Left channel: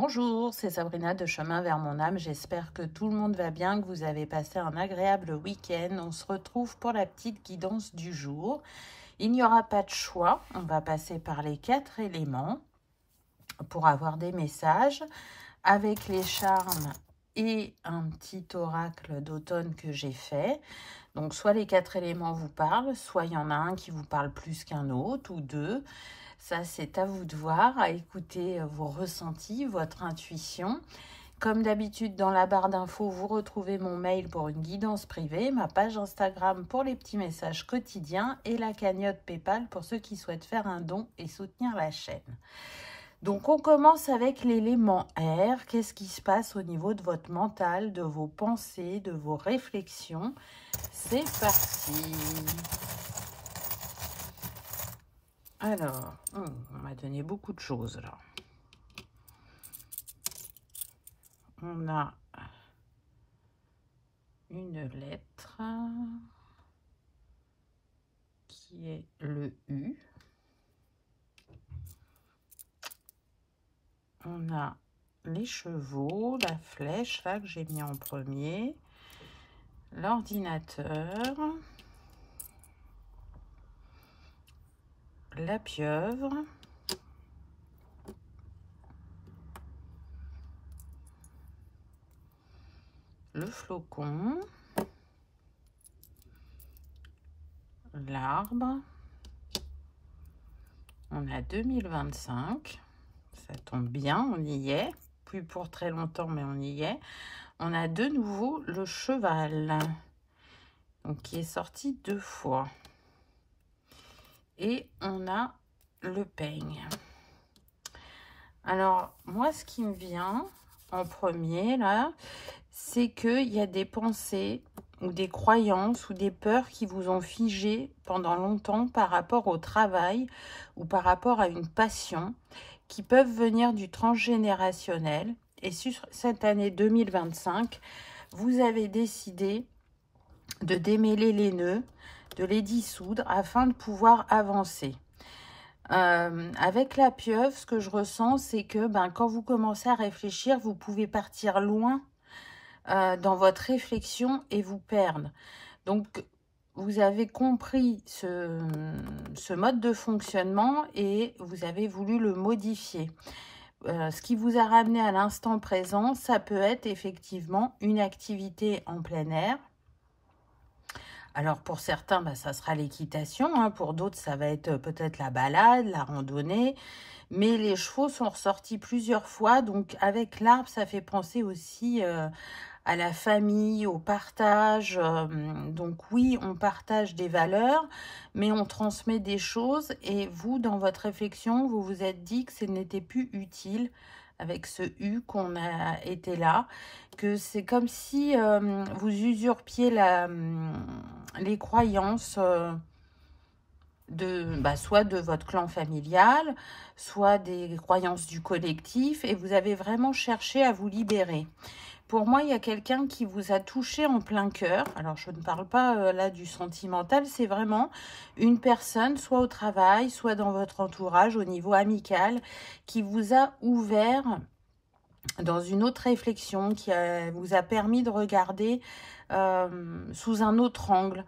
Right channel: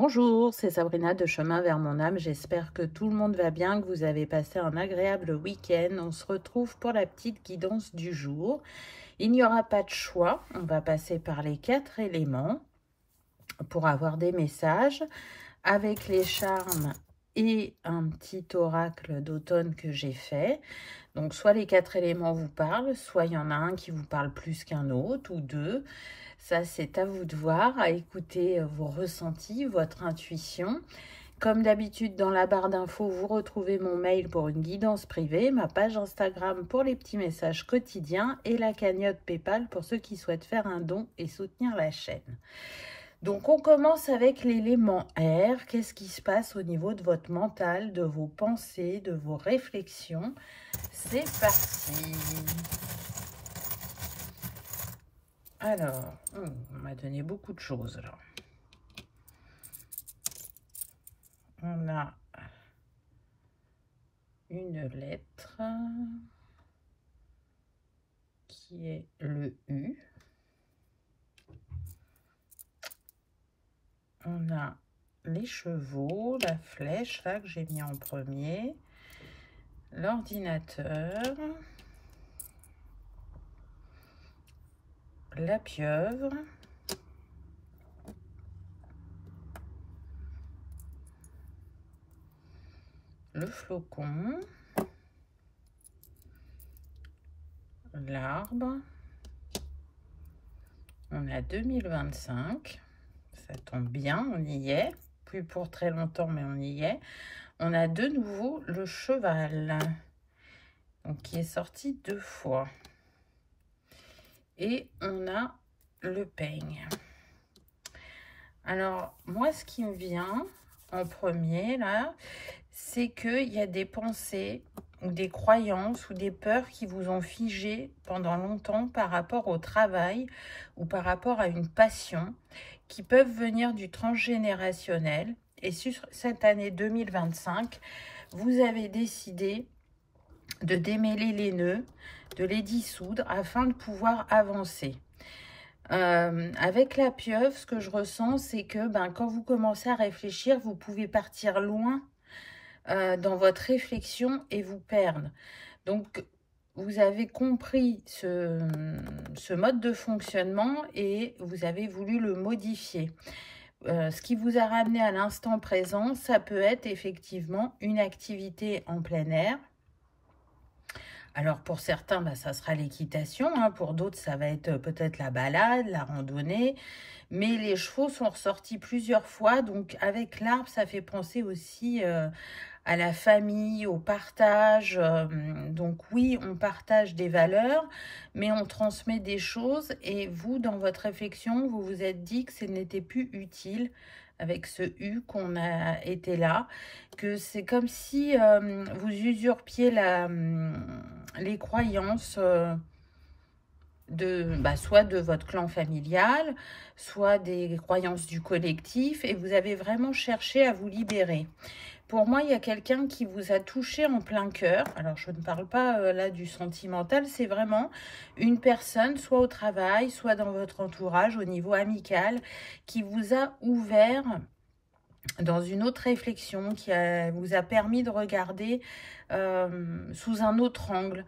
Bonjour, c'est Sabrina de Chemin vers mon âme. J'espère que tout le monde va bien, que vous avez passé un agréable week-end. On se retrouve pour la petite guidance du jour. Il n'y aura pas de choix. On va passer par les 4 éléments pour avoir des messages avec les charmes et un petit oracle d'automne que j'ai fait. Donc, soit les 4 éléments vous parlent, soit il y en a un qui vous parle plus qu'un autre ou deux. Ça, c'est à vous de voir, à écouter vos ressentis, votre intuition. Comme d'habitude, dans la barre d'infos, vous retrouvez mon mail pour une guidance privée, ma page Instagram pour les petits messages quotidiens et la cagnotte PayPal pour ceux qui souhaitent faire un don et soutenir la chaîne. Donc, on commence avec l'élément air. Qu'est-ce qui se passe au niveau de votre mental, de vos pensées, de vos réflexions? C'est parti. Alors, on m'a donné beaucoup de choses là. On a une lettre qui est le U. On a les chevaux, la flèche là que j'ai mis en premier, l'ordinateur, la pieuvre, le flocon, l'arbre. On a 2025, ça tombe bien, on y est, plus pour très longtemps mais on y est. On a de nouveau le cheval, donc qui est sorti 2 fois. Et on a le peigne. Alors, moi, ce qui me vient en premier, là, c'est qu'il y a des pensées ou des croyances ou des peurs qui vous ont figé pendant longtemps par rapport au travail ou par rapport à une passion qui peuvent venir du transgénérationnel. Et sur cette année 2025, vous avez décidé de démêler les nœuds, de les dissoudre afin de pouvoir avancer. Avec la pieuvre, ce que je ressens, c'est que quand vous commencez à réfléchir, vous pouvez partir loin dans votre réflexion et vous perdre. Donc, vous avez compris ce mode de fonctionnement et vous avez voulu le modifier. Ce qui vous a ramené à l'instant présent, ça peut être effectivement une activité en plein air. Alors, pour certains, ça sera l'équitation. Hein. Pour d'autres, ça va être peut-être la balade, la randonnée. Mais les chevaux sont ressortis plusieurs fois. Donc, avec l'arbre, ça fait penser aussi à la famille, au partage. Donc, oui, on partage des valeurs, mais on transmet des choses. Et vous, dans votre réflexion, vous vous êtes dit que ce n'était plus utile avec ce U qu'on a été là, que c'est comme si vous usurpiez les croyances soit de votre clan familial, soit des croyances du collectif, et vous avez vraiment cherché à vous libérer. Pour moi, il y a quelqu'un qui vous a touché en plein cœur. Alors, je ne parle pas là du sentimental, c'est vraiment une personne, soit au travail, soit dans votre entourage, au niveau amical, qui vous a ouvert dans une autre réflexion, qui vous a permis de regarder sous un autre angle,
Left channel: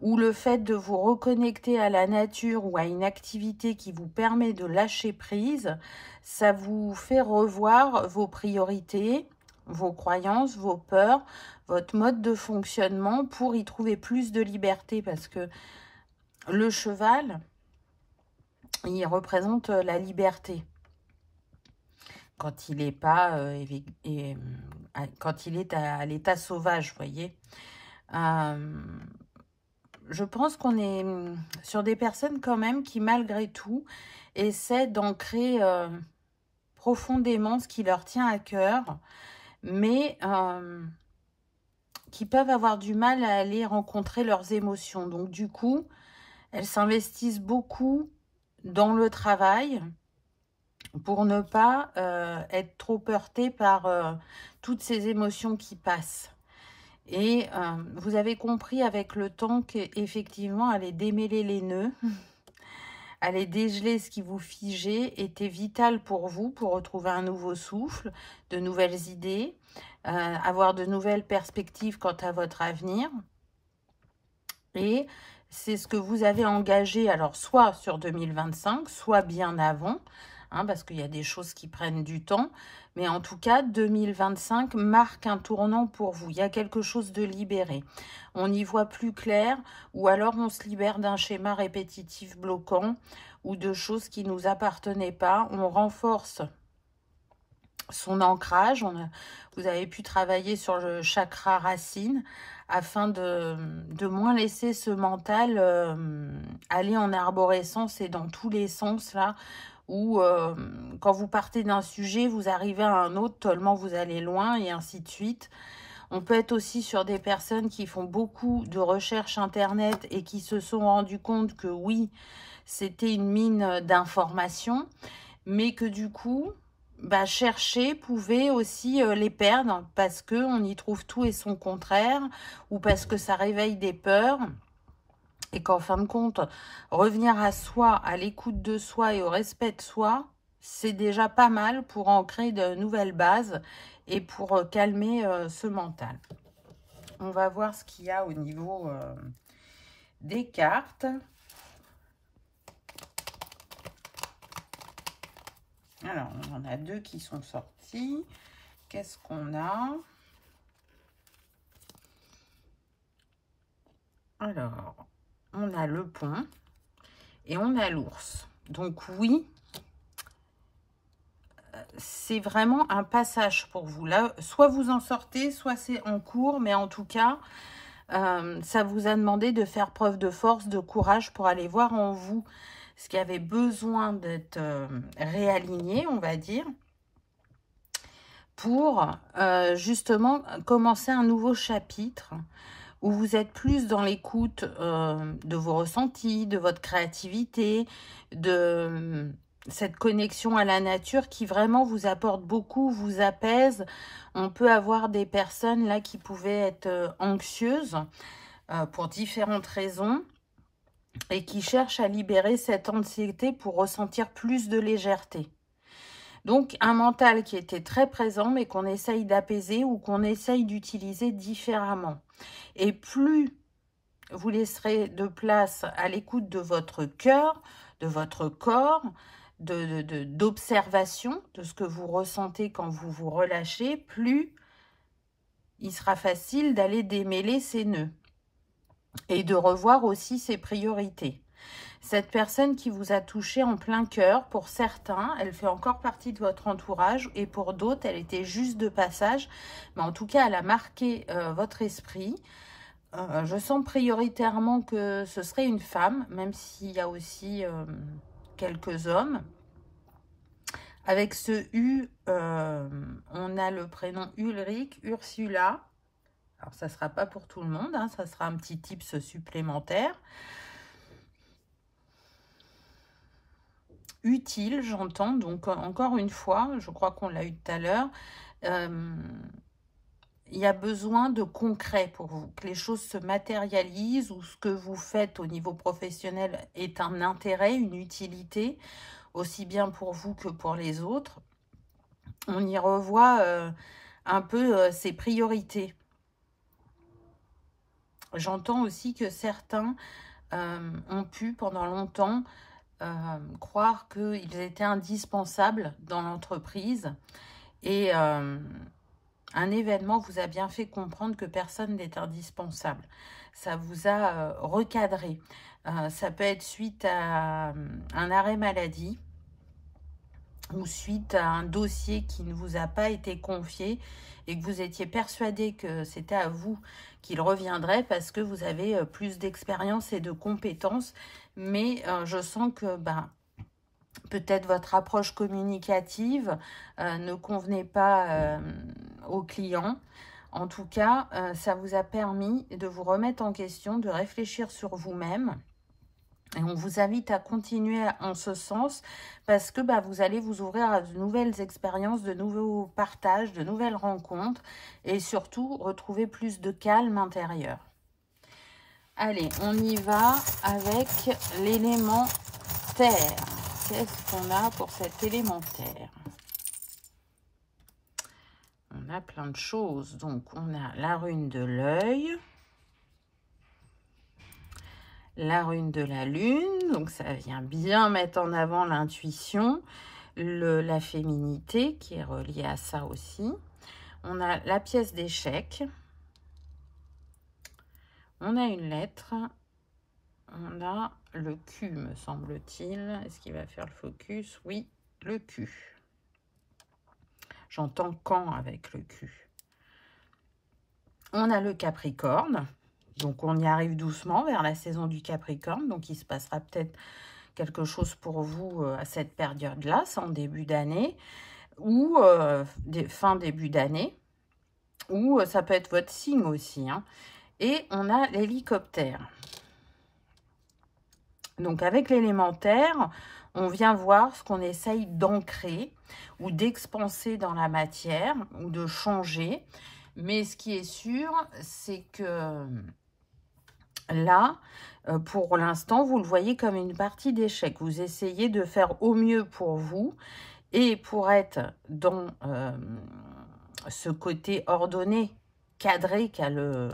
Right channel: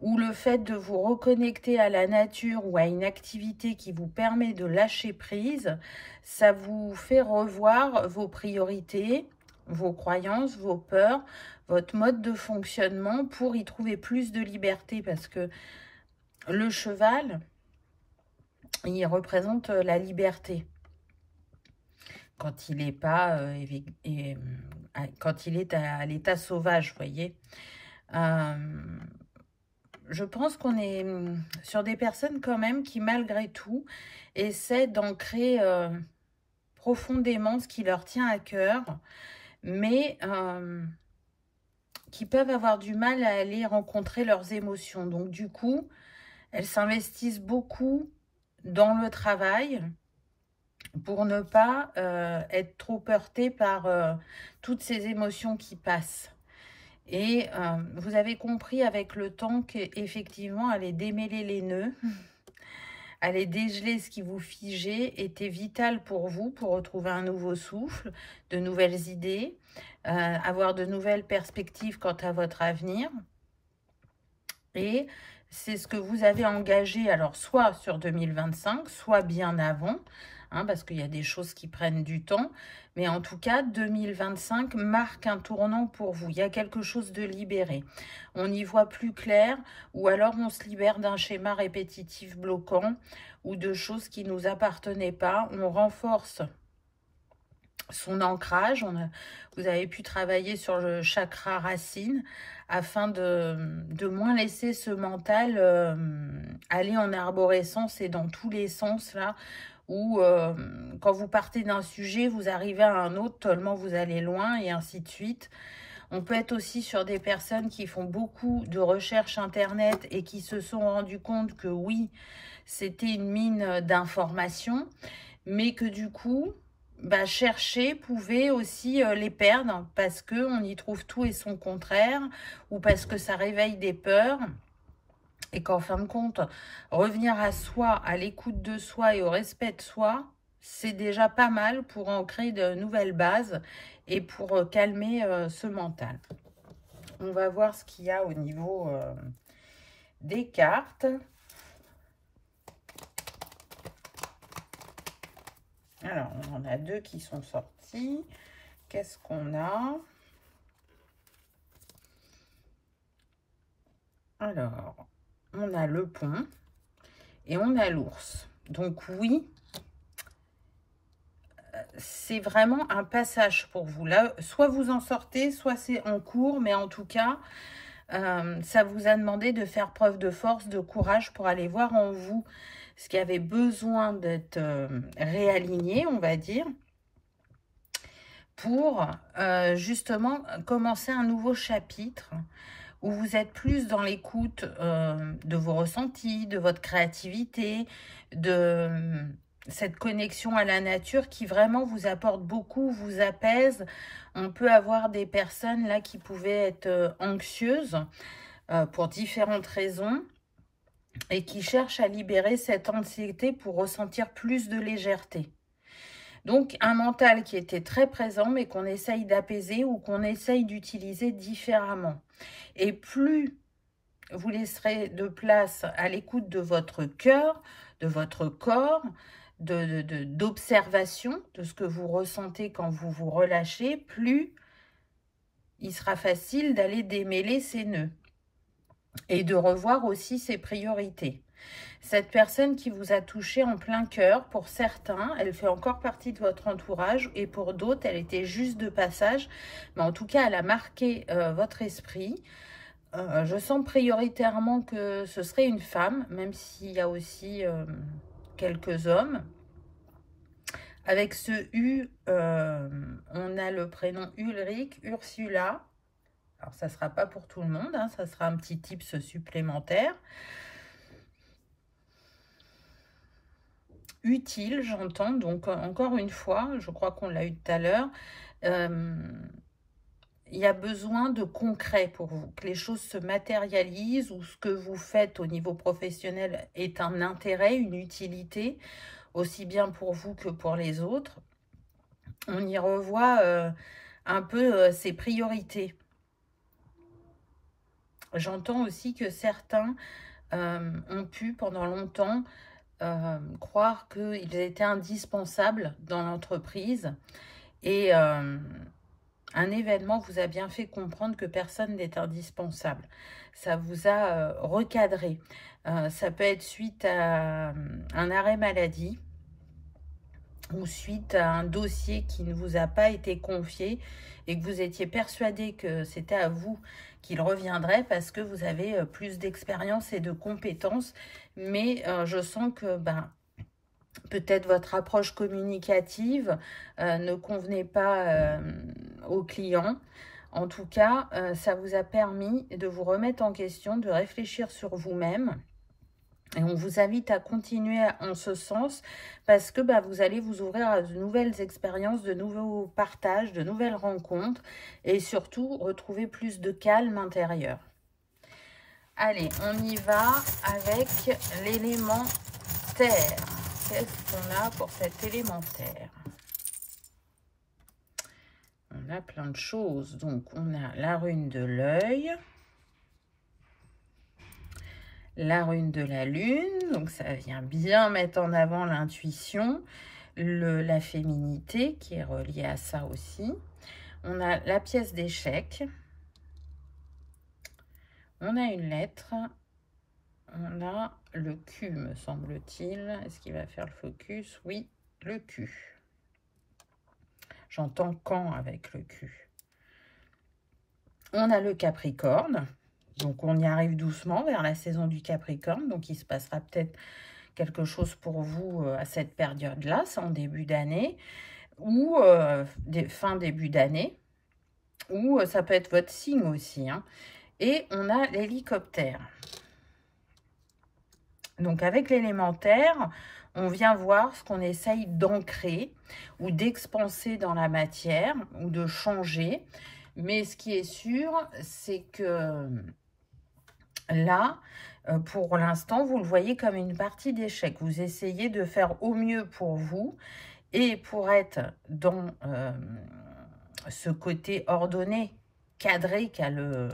ou le fait de vous reconnecter à la nature ou à une activité qui vous permet de lâcher prise, ça vous fait revoir vos priorités, vos croyances, vos peurs, votre mode de fonctionnement pour y trouver plus de liberté, parce que le cheval, il représente la liberté. Quand il n'est pas, quand il est à l'état sauvage, vous voyez. Je pense qu'on est sur des personnes quand même qui, malgré tout, essaient d'ancrer profondément ce qui leur tient à cœur, mais qui peuvent avoir du mal à aller rencontrer leurs émotions. Donc, du coup, elles s'investissent beaucoup dans le travail pour ne pas être trop heurtées par toutes ces émotions qui passent. Et vous avez compris avec le temps qu'effectivement, aller démêler les nœuds, aller dégeler ce qui vous figeait était vital pour vous, pour retrouver un nouveau souffle, de nouvelles idées, avoir de nouvelles perspectives quant à votre avenir. Et c'est ce que vous avez engagé, alors soit sur 2025, soit bien avant, hein, parce qu'il y a des choses qui prennent du temps. Mais en tout cas, 2025 marque un tournant pour vous. Il y a quelque chose de libéré. On y voit plus clair, ou alors on se libère d'un schéma répétitif bloquant, ou de choses qui ne nous appartenaient pas. On renforce son ancrage. Vous avez pu travailler sur le chakra racine, afin de moins laisser ce mental aller en arborescence et dans tous les sens, là, où quand vous partez d'un sujet, vous arrivez à un autre, tellement vous allez loin, et ainsi de suite. On peut être aussi sur des personnes qui font beaucoup de recherches Internet et qui se sont rendues compte que oui, c'était une mine d'informations, mais que du coup, chercher pouvait aussi les perdre parce qu'on y trouve tout et son contraire, ou parce que ça réveille des peurs, et qu'en fin de compte, revenir à soi, à l'écoute de soi et au respect de soi, c'est déjà pas mal pour ancrer de nouvelles bases et pour calmer ce mental. On va voir ce qu'il y a au niveau des cartes. Alors, on en a deux qui sont sortis. Qu'est-ce qu'on a? Alors, on a le pont et on a l'ours. Donc oui, c'est vraiment un passage pour vous. Là, soit vous en sortez, soit c'est en cours. Mais en tout cas, ça vous a demandé de faire preuve de force, de courage pour aller voir en vous ce qui avait besoin d'être réaligné, on va dire, pour justement commencer un nouveau chapitre où vous êtes plus dans l'écoute de vos ressentis, de votre créativité, de cette connexion à la nature qui vraiment vous apporte beaucoup, vous apaise. On peut avoir des personnes là qui pouvaient être anxieuses pour différentes raisons, et qui cherchent à libérer cette anxiété pour ressentir plus de légèreté. Donc, un mental qui était très présent, mais qu'on essaye d'apaiser ou qu'on essaye d'utiliser différemment. Et plus vous laisserez de place à l'écoute de votre cœur, de votre corps, d'observation de ce que vous ressentez quand vous vous relâchez, plus il sera facile d'aller démêler ces nœuds. Et de revoir aussi ses priorités. Cette personne qui vous a touché en plein cœur, pour certains, elle fait encore partie de votre entourage, et pour d'autres, elle était juste de passage. Mais en tout cas, elle a marqué votre esprit. Je sens prioritairement que ce serait une femme, même s'il y a aussi quelques hommes. Avec ce U, on a le prénom Ulrich, Ursula. Alors, ça ne sera pas pour tout le monde, hein, ça sera un petit tips supplémentaire. Utile, j'entends. Donc, encore une fois, je crois qu'on l'a eu tout à l'heure, il y a besoin de concret pour vous, que les choses se matérialisent, ou ce que vous faites au niveau professionnel est un intérêt, une utilité, aussi bien pour vous que pour les autres. On y revoit un peu ses priorités. J'entends aussi que certains ont pu pendant longtemps croire qu'ils étaient indispensables dans l'entreprise, et un événement vous a bien fait comprendre que personne n'est indispensable. Ça vous a recadré. Ça peut être suite à un arrêt maladie ou suite à un dossier qui ne vous a pas été confié et que vous étiez persuadé que c'était à vous qu'il reviendrait parce que vous avez plus d'expérience et de compétences. Mais je sens que peut-être votre approche communicative ne convenait pas aux clients. En tout cas, ça vous a permis de vous remettre en question, de réfléchir sur vous-même. Et on vous invite à continuer en ce sens parce que vous allez vous ouvrir à de nouvelles expériences, de nouveaux partages, de nouvelles rencontres et surtout retrouver plus de calme intérieur. Allez, on y va avec l'élément élémentaire. Qu'est-ce qu'on a pour cet élémentaire? On a plein de choses. Donc, on a la rune de l'œil, la rune de la lune. Donc, ça vient bien mettre en avant l'intuition, la féminité qui est reliée à ça aussi. On a la pièce d'échec. On a une lettre. On a le Q, me semble-t-il. Est-ce qu'il va faire le focus? Oui, le Q. J'entends quand avec le Q. On a le Capricorne. Donc, on y arrive doucement vers la saison du Capricorne. Donc, il se passera peut-être quelque chose pour vous à cette période-là. C'est en début d'année ou fin début d'année. Ou ça peut être votre signe aussi. Hein. Et on a l'hélicoptère. Donc, avec l'élémentaire, on vient voir ce qu'on essaye d'ancrer ou d'expanser dans la matière ou de changer. Mais ce qui est sûr, c'est que là, pour l'instant, vous le voyez comme une partie d'échec. Vous essayez de faire au mieux pour vous et pour être dans ce côté ordonné, cadré qu'a le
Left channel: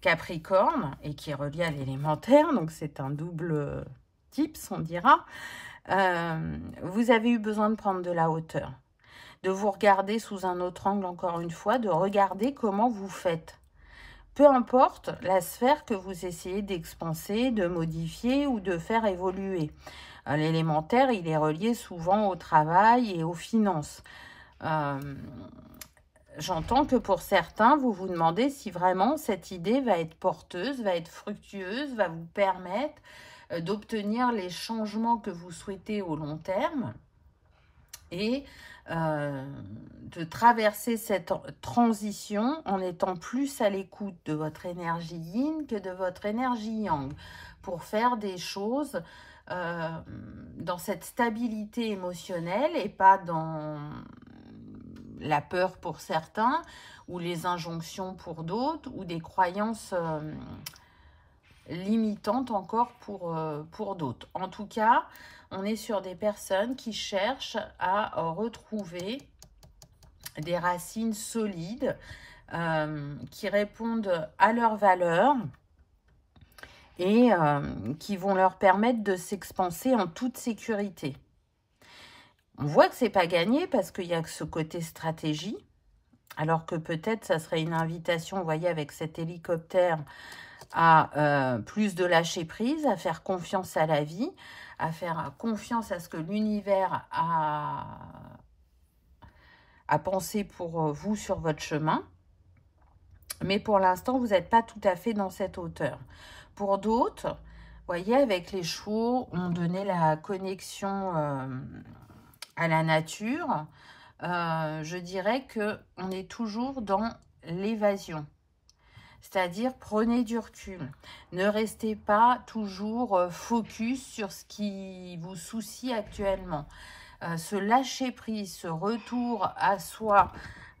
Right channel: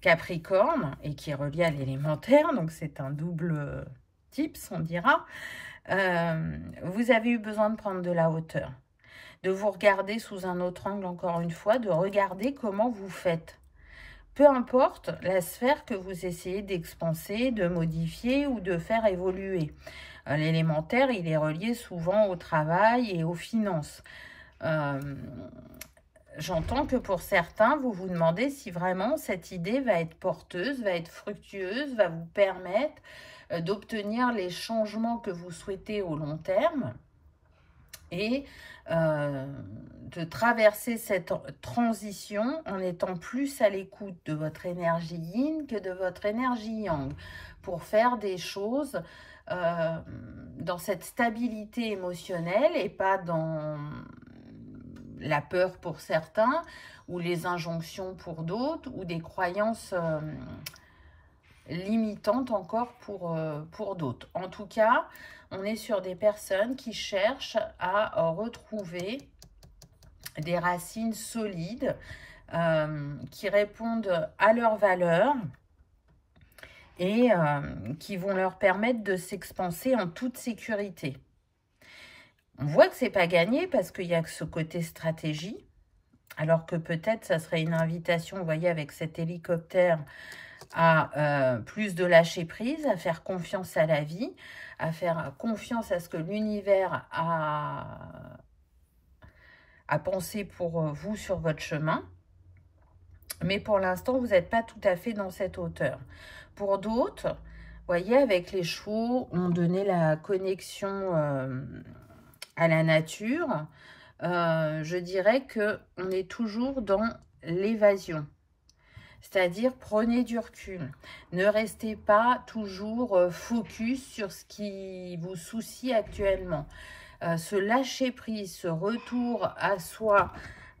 Capricorne et qui est relié à l'élémentaire. Donc, c'est un double tips, on dira. Vous avez eu besoin de prendre de la hauteur, de vous regarder sous un autre angle, encore une fois, de regarder comment vous faites. Peu importe la sphère que vous essayez d'expanser, de modifier ou de faire évoluer. L'élémentaire, il est relié souvent au travail et aux finances. J'entends que pour certains, vous vous demandez si vraiment cette idée va être porteuse, va être fructueuse, va vous permettre d'obtenir les changements que vous souhaitez au long terme et de traverser cette transition en étant plus à l'écoute de votre énergie yin que de votre énergie yang pour faire des choses dans cette stabilité émotionnelle et pas dans la peur pour certains ou les injonctions pour d'autres ou des croyances limitantes encore pour d'autres. En tout cas, on est sur des personnes qui cherchent à retrouver des racines solides qui répondent à leurs valeurs et qui vont leur permettre de s'expanser en toute sécurité. On voit que c'est pas gagné parce qu'il y a ce côté stratégie, alors que peut-être ça serait une invitation, vous voyez, avec cet hélicoptère, à plus de lâcher prise, à faire confiance à la vie, à faire confiance à ce que l'univers a pensé pour vous sur votre chemin. Mais pour l'instant, vous n'êtes pas tout à fait dans cette hauteur. Pour d'autres, vous voyez, avec les chevaux, on donnait la connexion à la nature. Je dirais qu'on est toujours dans l'évasion. C'est-à-dire, prenez du recul. Ne restez pas toujours focus sur ce qui vous soucie actuellement. Ce lâcher-prise, ce retour à soi,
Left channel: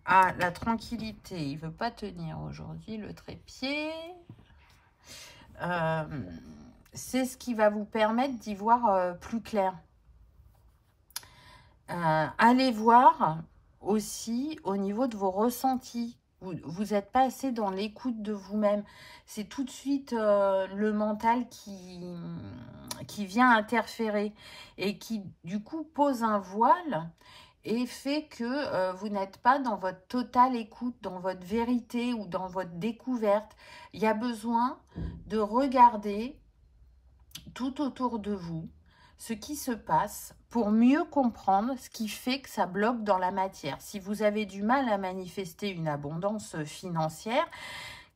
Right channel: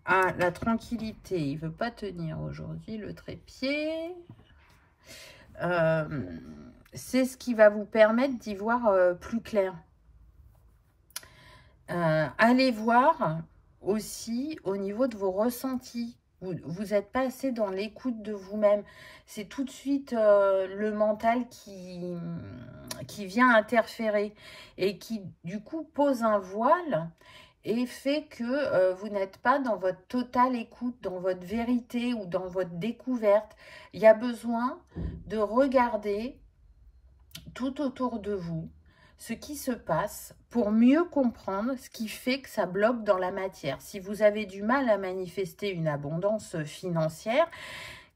à la tranquillité. Il ne veut pas tenir aujourd'hui, le trépied. C'est ce qui va vous permettre d'y voir plus clair. Allez voir aussi au niveau de vos ressentis. Vous n'êtes pas assez dans l'écoute de vous-même. C'est tout de suite le mental qui vient interférer et qui, du coup, pose un voile et fait que vous n'êtes pas dans votre totale écoute, dans votre vérité ou dans votre découverte. Il y a besoin de regarder tout autour de vous ce qui se passe pour mieux comprendre ce qui fait que ça bloque dans la matière. Si vous avez du mal à manifester une abondance financière,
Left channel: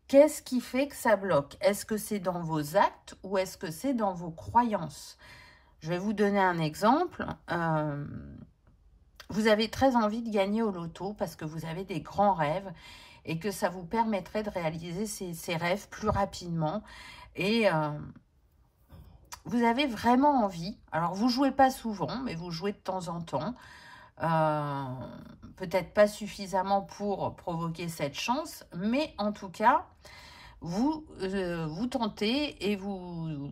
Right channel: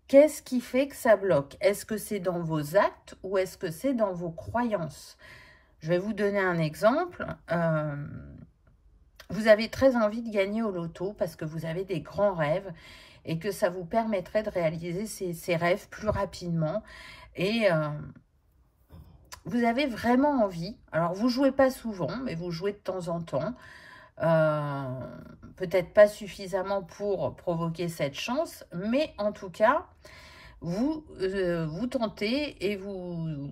qu'est-ce qui fait que ça bloque? Est-ce que c'est dans vos actes ou est-ce que c'est dans vos croyances? Je vais vous donner un exemple. Vous avez très envie de gagner au loto parce que vous avez des grands rêves et que ça vous permettrait de réaliser ces rêves plus rapidement. Et vous avez vraiment envie. Alors, vous ne jouez pas souvent, mais vous jouez de temps en temps. Peut-être pas suffisamment pour provoquer cette chance, mais en tout cas, vous tentez et vous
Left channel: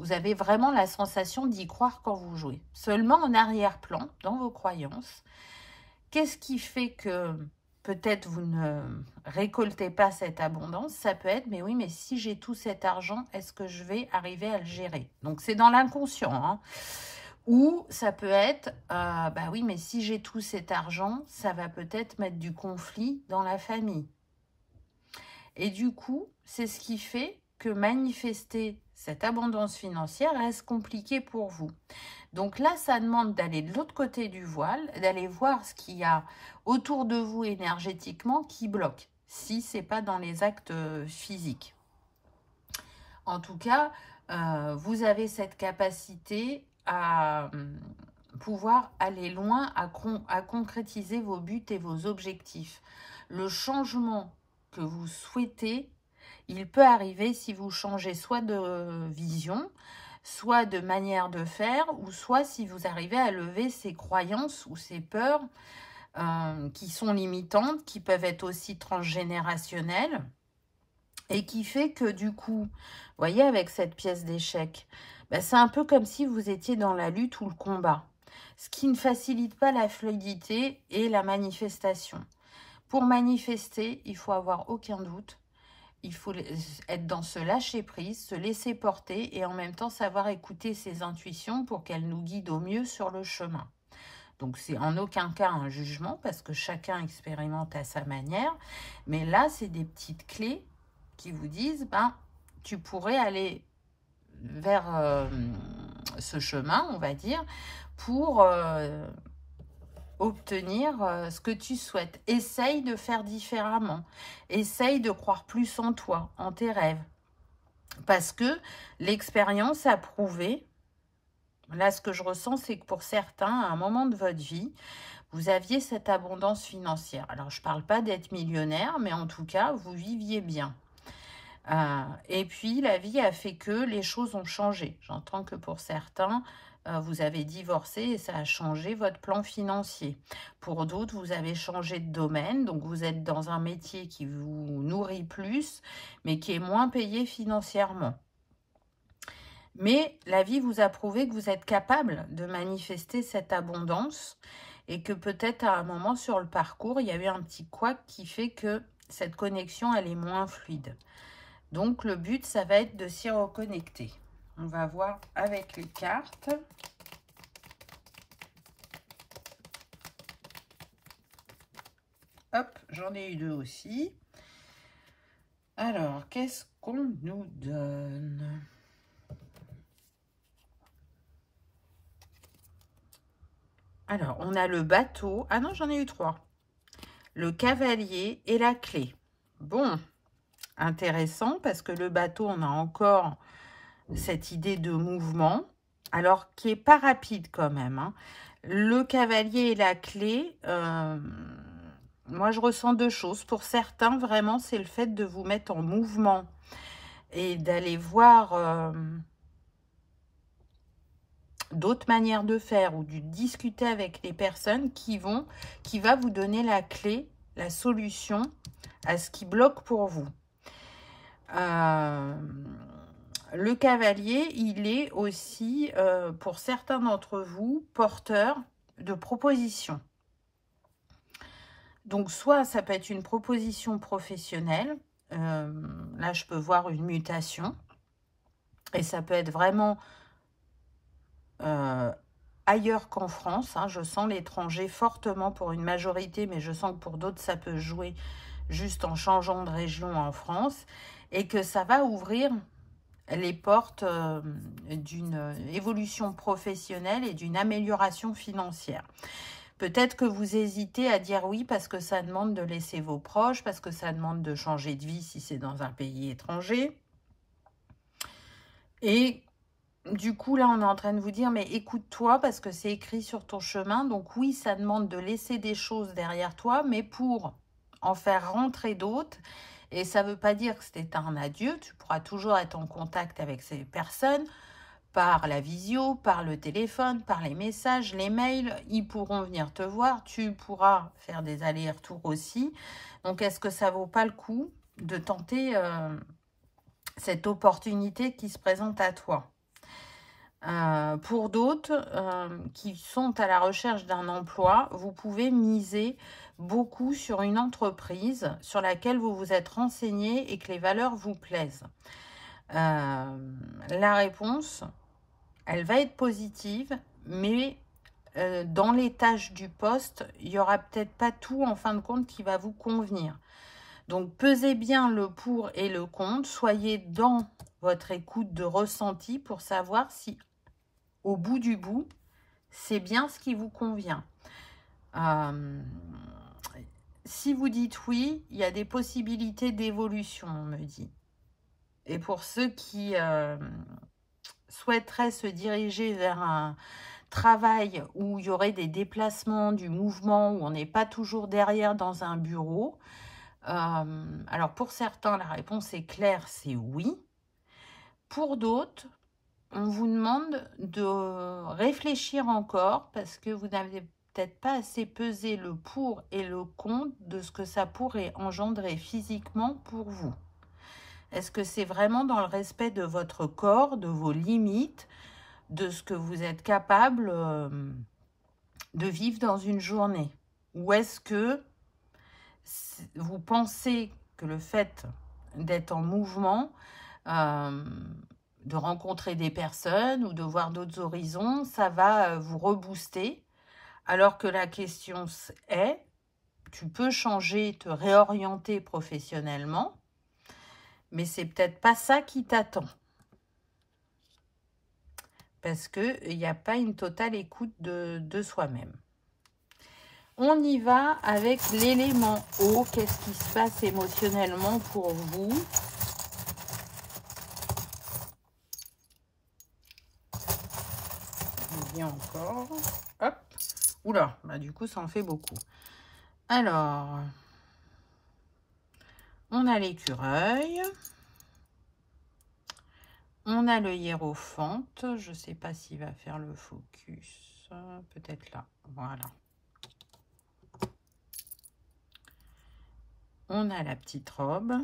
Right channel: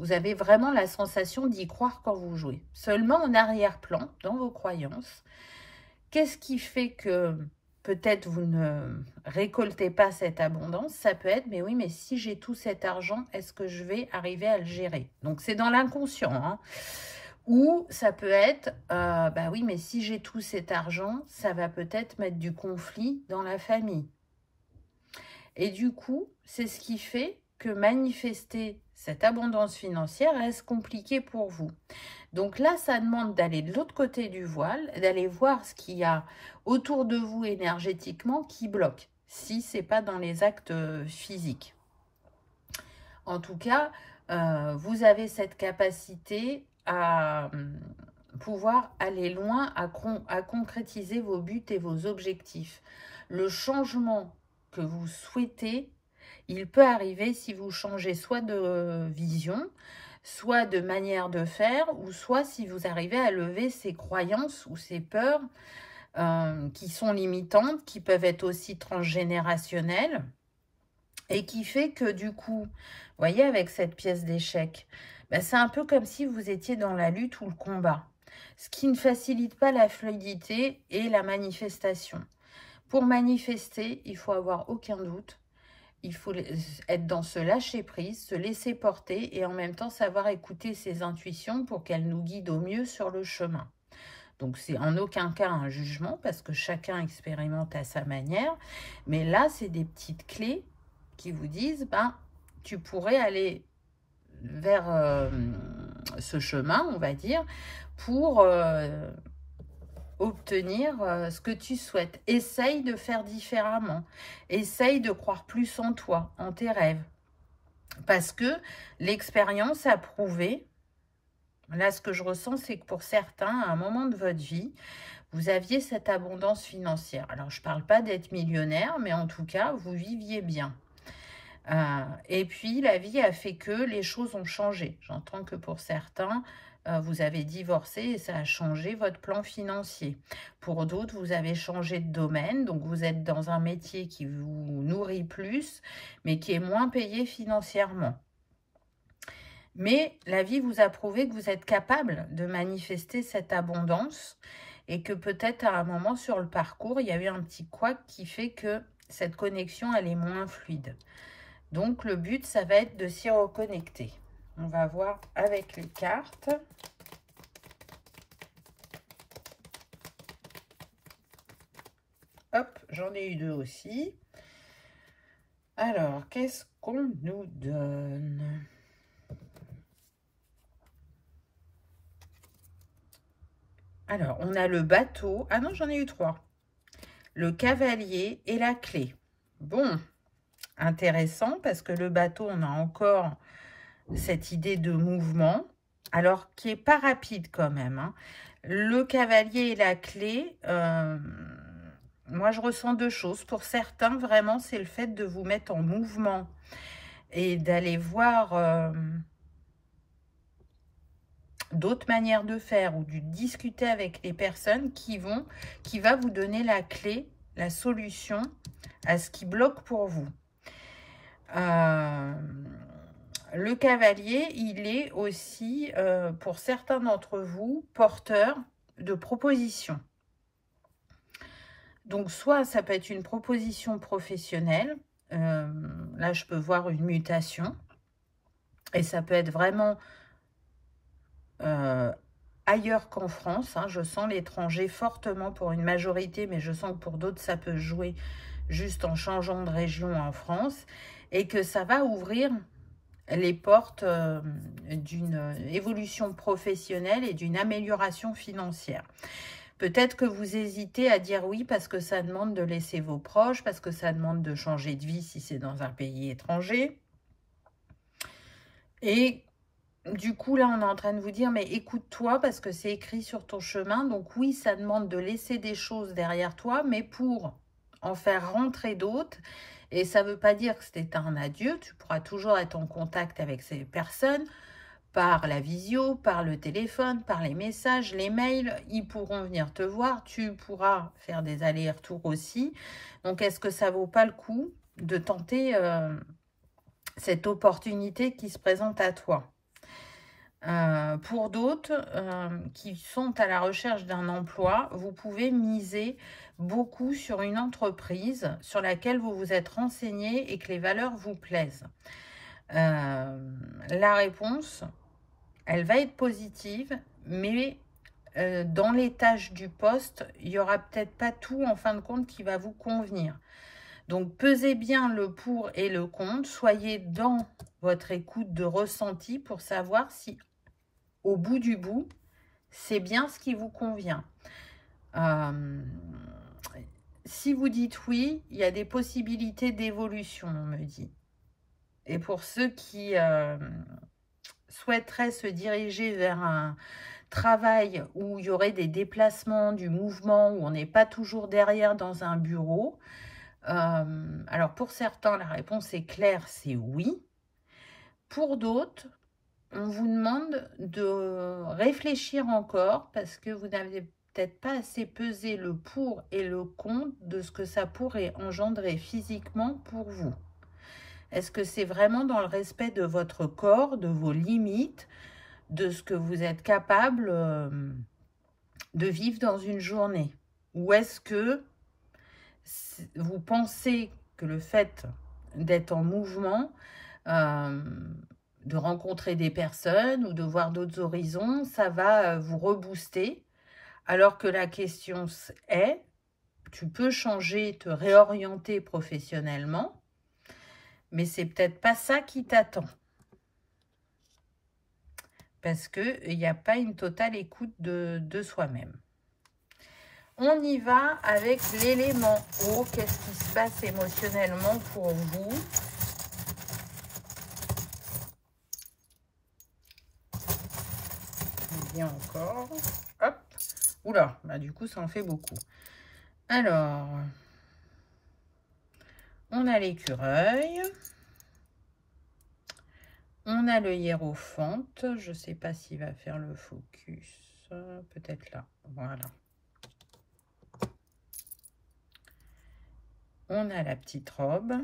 Vous avez vraiment la sensation d'y croire quand vous jouez. Seulement en arrière-plan, dans vos croyances, qu'est-ce qui fait que peut-être vous ne récoltez pas cette abondance? Ça peut être, mais oui, mais si j'ai tout cet argent, est-ce que je vais arriver à le gérer? Donc, c'est dans l'inconscient, hein. Ou ça peut être, bah oui, mais si j'ai tout cet argent, ça va peut-être mettre du conflit dans la famille. Et du coup, c'est ce qui fait que manifester cette abondance financière reste compliqué pour vous. Donc là, ça demande d'aller de l'autre côté du voile, d'aller voir ce qu'il y a autour de vous énergétiquement qui bloque, si ce n'est pas dans les actes physiques. En tout cas, vous avez cette capacité à pouvoir aller loin, à concrétiser vos buts et vos objectifs. Le changement que vous souhaitez, il peut arriver si vous changez soit de vision, soit de manière de faire, ou soit si vous arrivez à lever ces croyances ou ces peurs qui sont limitantes, qui peuvent être aussi transgénérationnelles, et qui fait que du coup, vous voyez, avec cette pièce d'échec, ben, c'est un peu comme si vous étiez dans la lutte ou le combat, ce qui ne facilite pas la fluidité et la manifestation. Pour manifester, il faut avoir aucun doute. Il faut être dans ce lâcher-prise, se laisser porter et en même temps savoir écouter ses intuitions pour qu'elles nous guident au mieux sur le chemin. Donc, c'est en aucun cas un jugement parce que chacun expérimente à sa manière. Mais là, c'est des petites clés qui vous disent, ben, tu pourrais aller vers ce chemin, on va dire, pour obtenir ce que tu souhaites. Essaye de faire différemment. Essaye de croire plus en toi, en tes rêves. Parce que l'expérience a prouvé, là ce que je ressens, c'est que pour certains, à un moment de votre vie, vous aviez cette abondance financière. Alors, je ne parle pas d'être millionnaire, mais en tout cas, vous viviez bien. Et puis, la vie a fait que les choses ont changé. J'entends que pour certains, vous avez divorcé et ça a changé votre plan financier. Pour d'autres, vous avez changé de domaine, donc vous êtes dans un métier qui vous nourrit plus, mais qui est moins payé financièrement. Mais la vie vous a prouvé que vous êtes capable de manifester cette abondance et que peut-être à un moment sur le parcours, il y a eu un petit couac qui fait que cette connexion, elle est moins fluide. Donc, le but, ça va être de s'y reconnecter. On va voir avec les cartes. Hop, j'en ai eu deux aussi. Alors, qu'est-ce qu'on nous donne? Alors, on a le bateau. Ah non, j'en ai eu trois. Le cavalier et la clé. Bon, intéressant parce que le bateau, on a encore cette idée de mouvement, alors qui n'est pas rapide quand même, hein. Le cavalier et la clé, moi je ressens deux choses. Pour certains, vraiment, c'est le fait de vous mettre en mouvement et d'aller voir d'autres manières de faire ou de discuter avec les personnes qui va vous donner la clé, la solution à ce qui bloque pour vous. Le cavalier, il est aussi, pour certains d'entre vous, porteur de propositions. Donc, soit ça peut être une proposition professionnelle. Là, je peux voir une mutation. Et ça peut être vraiment ailleurs qu'en France. Hein. Je sens l'étranger fortement pour une majorité, mais je sens que pour d'autres, ça peut jouer juste en changeant de région en France. Et que ça va ouvrir les portes d'une évolution professionnelle et d'une amélioration financière. Peut-être que vous hésitez à dire oui parce que ça demande de laisser vos proches, parce que ça demande de changer de vie si c'est dans un pays étranger. Et du coup, là, on est en train de vous dire, mais écoute-toi parce que c'est écrit sur ton chemin. Donc oui, ça demande de laisser des choses derrière toi, mais pour en faire rentrer d'autres. Et ça ne veut pas dire que c'était un adieu. Tu pourras toujours être en contact avec ces personnes par la visio, par le téléphone, par les messages, les mails. Ils pourront venir te voir. Tu pourras faire des allers-retours aussi. Donc, est-ce que ça ne vaut pas le coup de tenter cette opportunité qui se présente à toi? Pour d'autres qui sont à la recherche d'un emploi, vous pouvez miser beaucoup sur une entreprise sur laquelle vous vous êtes renseigné et que les valeurs vous plaisent. La réponse, elle va être positive, mais dans les tâches du poste, il n'y aura peut-être pas tout en fin de compte qui va vous convenir. Donc, pesez bien le pour et le contre. Soyez dans votre écoute de ressenti pour savoir si, au bout du bout, c'est bien ce qui vous convient. Si vous dites oui, il y a des possibilités d'évolution, on me dit. Et pour ceux qui souhaiteraient se diriger vers un travail où il y aurait des déplacements, du mouvement, où on n'est pas toujours derrière dans un bureau, alors pour certains, la réponse est claire, c'est oui. Pour d'autres, on vous demande de réfléchir encore parce que vous n'avez peut-être pas assez pesé le pour et le contre de ce que ça pourrait engendrer physiquement pour vous. Est-ce que c'est vraiment dans le respect de votre corps, de vos limites, de ce que vous êtes capable de vivre dans une journée? Ou est-ce que vous pensez que le fait d'être en mouvement, de rencontrer des personnes ou de voir d'autres horizons, ça va vous rebooster, alors que la question est, tu peux changer, te réorienter professionnellement, mais c'est peut-être pas ça qui t'attend. Parce qu'il n'y a pas une totale écoute de soi-même. On y va avec l'élément eau. Qu'est-ce qui se passe émotionnellement pour vous? Bien encore. Hop. Oula, bah du coup, ça en fait beaucoup. Alors, on a l'écureuil. On a le hiérophante. Je ne sais pas s'il va faire le focus. Peut-être là. Voilà. On a la petite robe.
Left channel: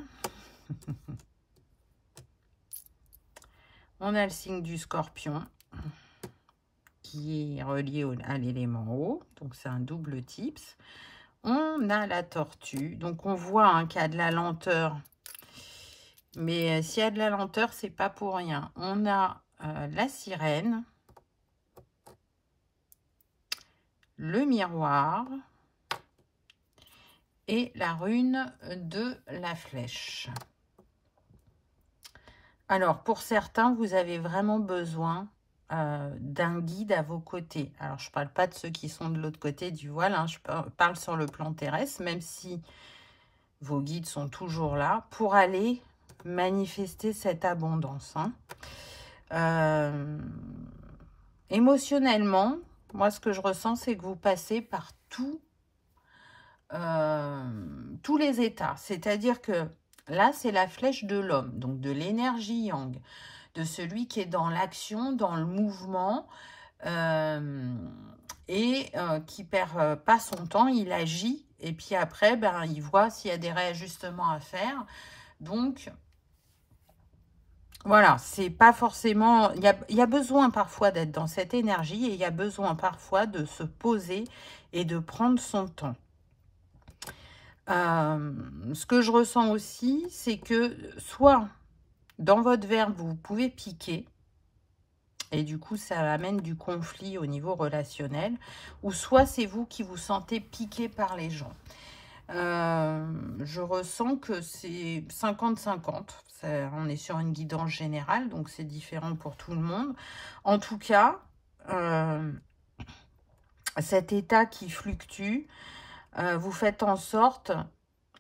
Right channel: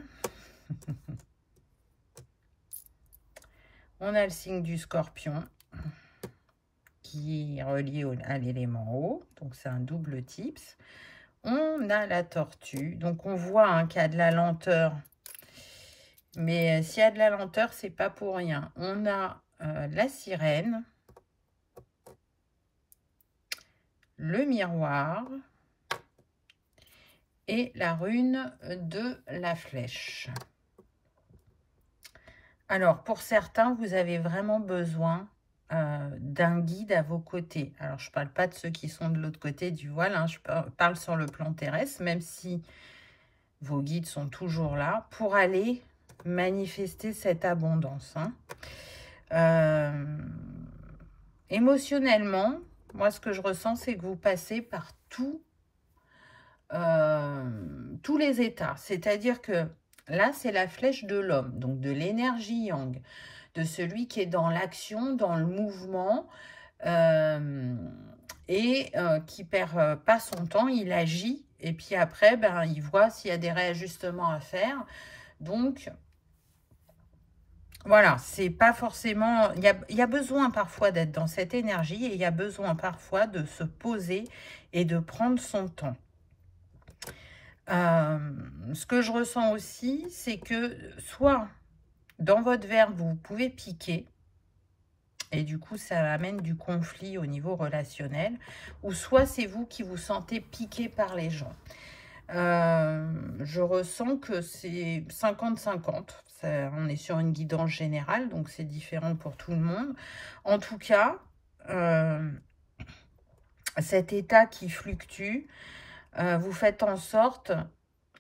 On a le signe du scorpion qui est relié à l'élément eau. Donc, c'est un double tips. On a la tortue. Donc, on voit qu'il y a de la lenteur. Mais s'il y a de la lenteur, c'est pas pour rien. On a la sirène. Le miroir. Et la rune de la flèche. Alors, pour certains, vous avez vraiment besoin d'un guide à vos côtés. Alors, je ne parle pas de ceux qui sont de l'autre côté du voile, hein, je parle sur le plan terrestre, même si vos guides sont toujours là, pour aller manifester cette abondance. Hein. Émotionnellement, moi, ce que je ressens, c'est que vous passez par tous les états. C'est-à-dire que là, c'est la flèche de l'homme, donc de l'énergie yang, de celui qui est dans l'action, dans le mouvement, et qui perd pas son temps, il agit, et puis après, ben, il voit s'il y a des réajustements à faire. Donc, voilà, c'est pas forcément... Il y a besoin parfois d'être dans cette énergie, et il y a besoin parfois de se poser et de prendre son temps. Ce que je ressens aussi, c'est que soit dans votre verbe, vous pouvez piquer, et du coup, ça amène du conflit au niveau relationnel, ou soit c'est vous qui vous sentez piqué par les gens. Je ressens que c'est 50-50. On est sur une guidance générale, donc c'est différent pour tout le monde. En tout cas, cet état qui fluctue, vous faites en sorte,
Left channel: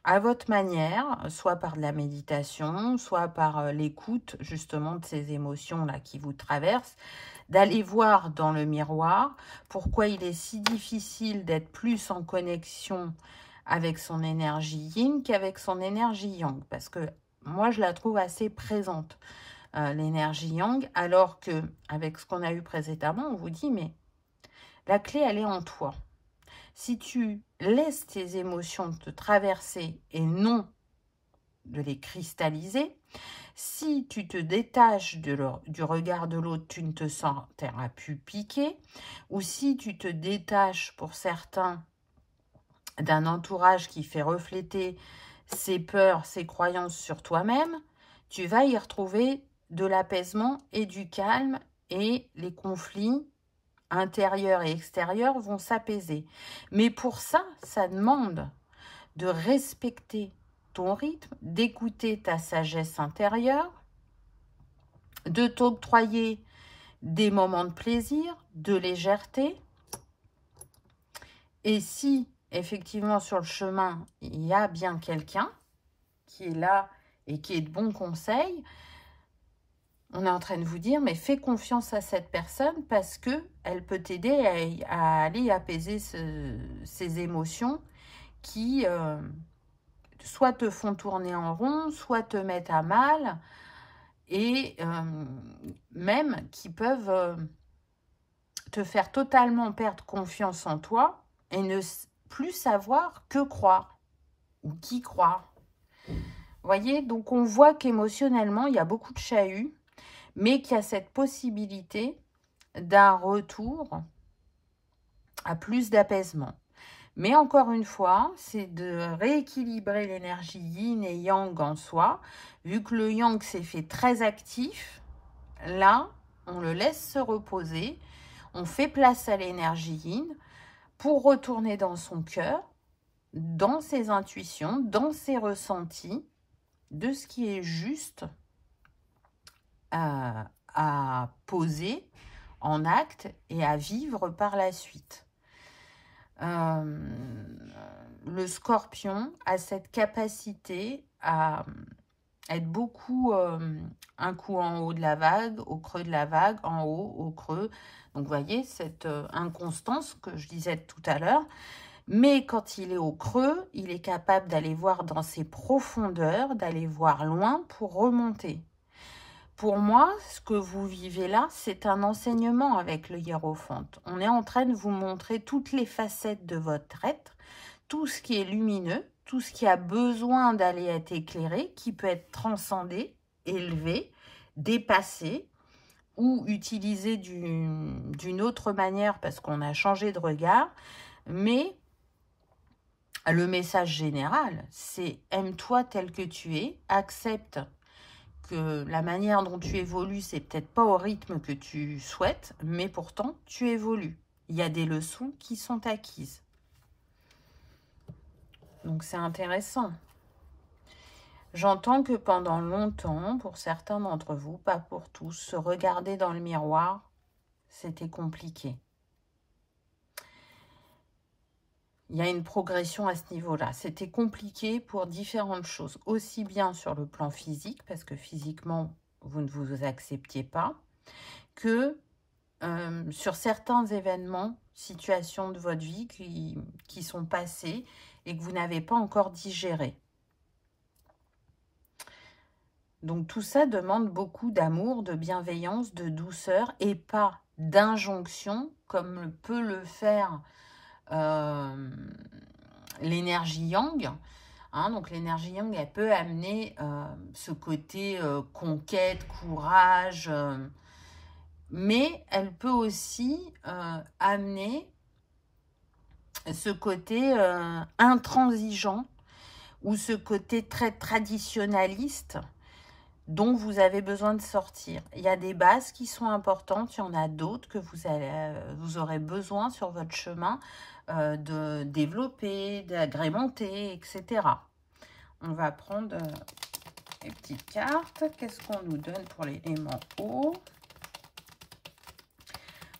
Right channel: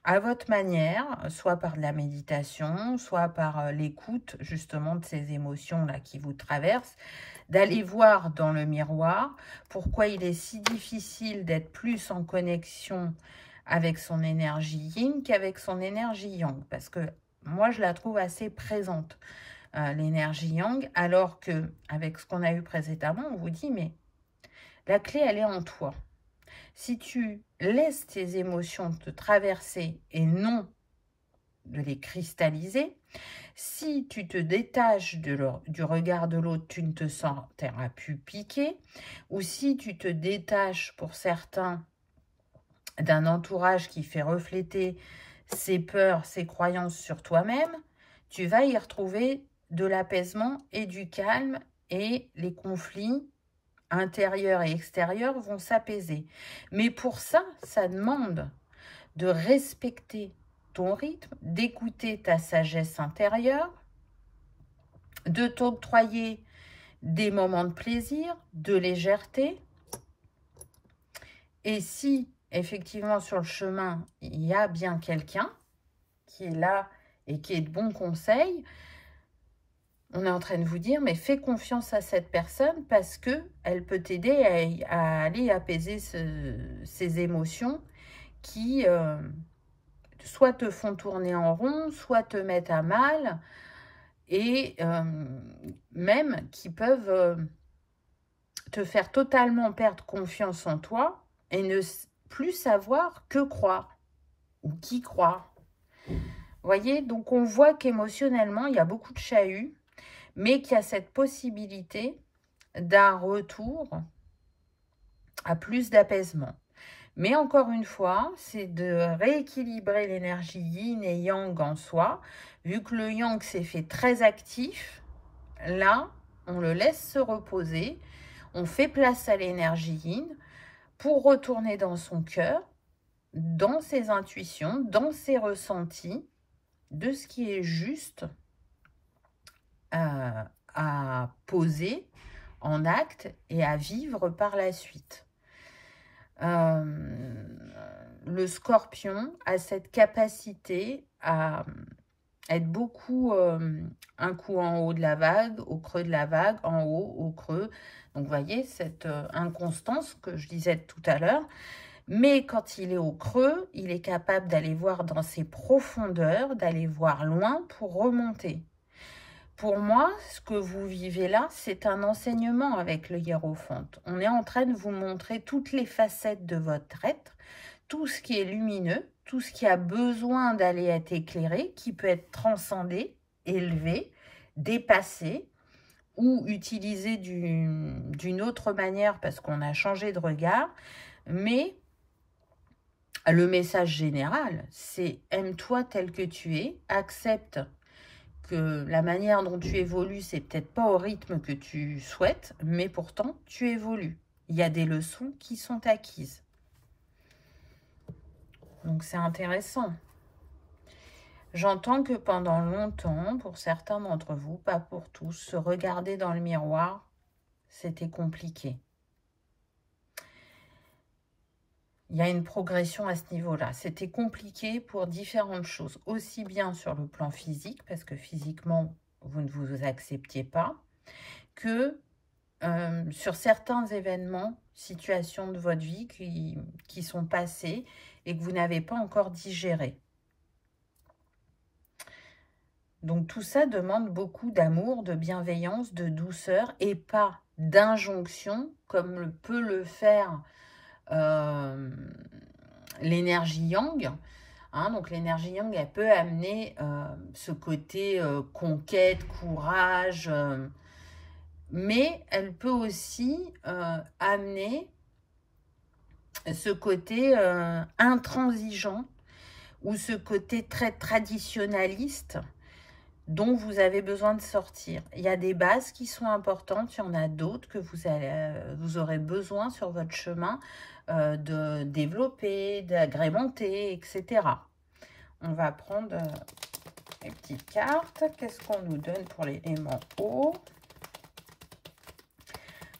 à votre manière, soit par de la méditation, soit par l'écoute justement de ces émotions-là qui vous traversent, d'aller voir dans le miroir pourquoi il est si difficile d'être plus en connexion avec son énergie yin qu'avec son énergie yang. Parce que moi, je la trouve assez présente, l'énergie yang, alors que avec ce qu'on a eu précédemment, on vous dit, mais la clé, elle est en toi. Si tu laisses tes émotions te traverser et non de les cristalliser, Si tu te détaches du regard de l'autre, tu ne te sentiras plus piqué. Ou si tu te détaches, pour certains, d'un entourage qui fait refléter ses peurs, ses croyances sur toi-même, tu vas y retrouver de l'apaisement et du calme, et les conflits intérieurs et extérieurs vont s'apaiser. Mais pour ça, ça demande de respecter ton rythme, d'écouter ta sagesse intérieure, de t'octroyer des moments de plaisir, de légèreté. Et si, effectivement, sur le chemin, il y a bien quelqu'un qui est là et qui est de bons conseils, on est en train de vous dire, mais fais confiance à cette personne parce qu'elle peut t'aider à aller apaiser ces émotions qui soit te font tourner en rond, soit te mettent à mal, et même qui peuvent te faire totalement perdre confiance en toi et ne plus savoir que croire ou qui croire. Vous voyez, donc on voit qu'émotionnellement, il y a beaucoup de chahuts, mais qu'il y a cette possibilité d'un retour à plus d'apaisement. Mais encore une fois, c'est de rééquilibrer l'énergie yin et yang en soi. Vu que le yang s'est fait très actif, là, on le laisse se reposer. On fait place à l'énergie yin pour retourner dans son cœur, dans ses intuitions, dans ses ressentis, de ce qui est juste à poser en acte et à vivre par la suite. Le scorpion a cette capacité à être beaucoup un coup en haut de la vague, au creux de la vague, en haut, au creux. Donc, vous voyez, cette inconstance que je disais tout à l'heure. Mais quand il est au creux, il est capable d'aller voir dans ses profondeurs, d'aller voir loin pour remonter. Pour moi, ce que vous vivez là, c'est un enseignement avec le hiérophante. On est en train de vous montrer toutes les facettes de votre être, tout ce qui est lumineux, tout ce qui a besoin d'aller être éclairé, qui peut être transcendé, élevé, dépassé ou utilisé d'une autre manière parce qu'on a changé de regard. Mais le message général, c'est aime-toi tel que tu es, accepte que la manière dont tu évolues, c'est peut-être pas au rythme que tu souhaites, mais pourtant, tu évolues. Il y a des leçons qui sont acquises. Donc, c'est intéressant. J'entends que pendant longtemps, pour certains d'entre vous, pas pour tous, se regarder dans le miroir, c'était compliqué. Il y a une progression à ce niveau-là. C'était compliqué pour différentes choses, aussi bien sur le plan physique, parce que physiquement, vous ne vous acceptiez pas, que sur certains événements, situations de votre vie qui sont passées et que vous n'avez pas encore digéré. Donc tout ça demande beaucoup d'amour, de bienveillance, de douceur et pas d'injonction comme peut le faire l'énergie yang. Hein, donc l'énergie yang, elle peut amener ce côté conquête, courage, mais elle peut aussi amener ce côté intransigeant ou ce côté très traditionnaliste dont vous avez besoin de sortir. Il y a des bases qui sont importantes, il y en a d'autres que vous aurez besoin sur votre chemin de développer, d'agrémenter, etc. On va prendre les petites cartes. Qu'est-ce qu'on nous donne pour l'élément eau?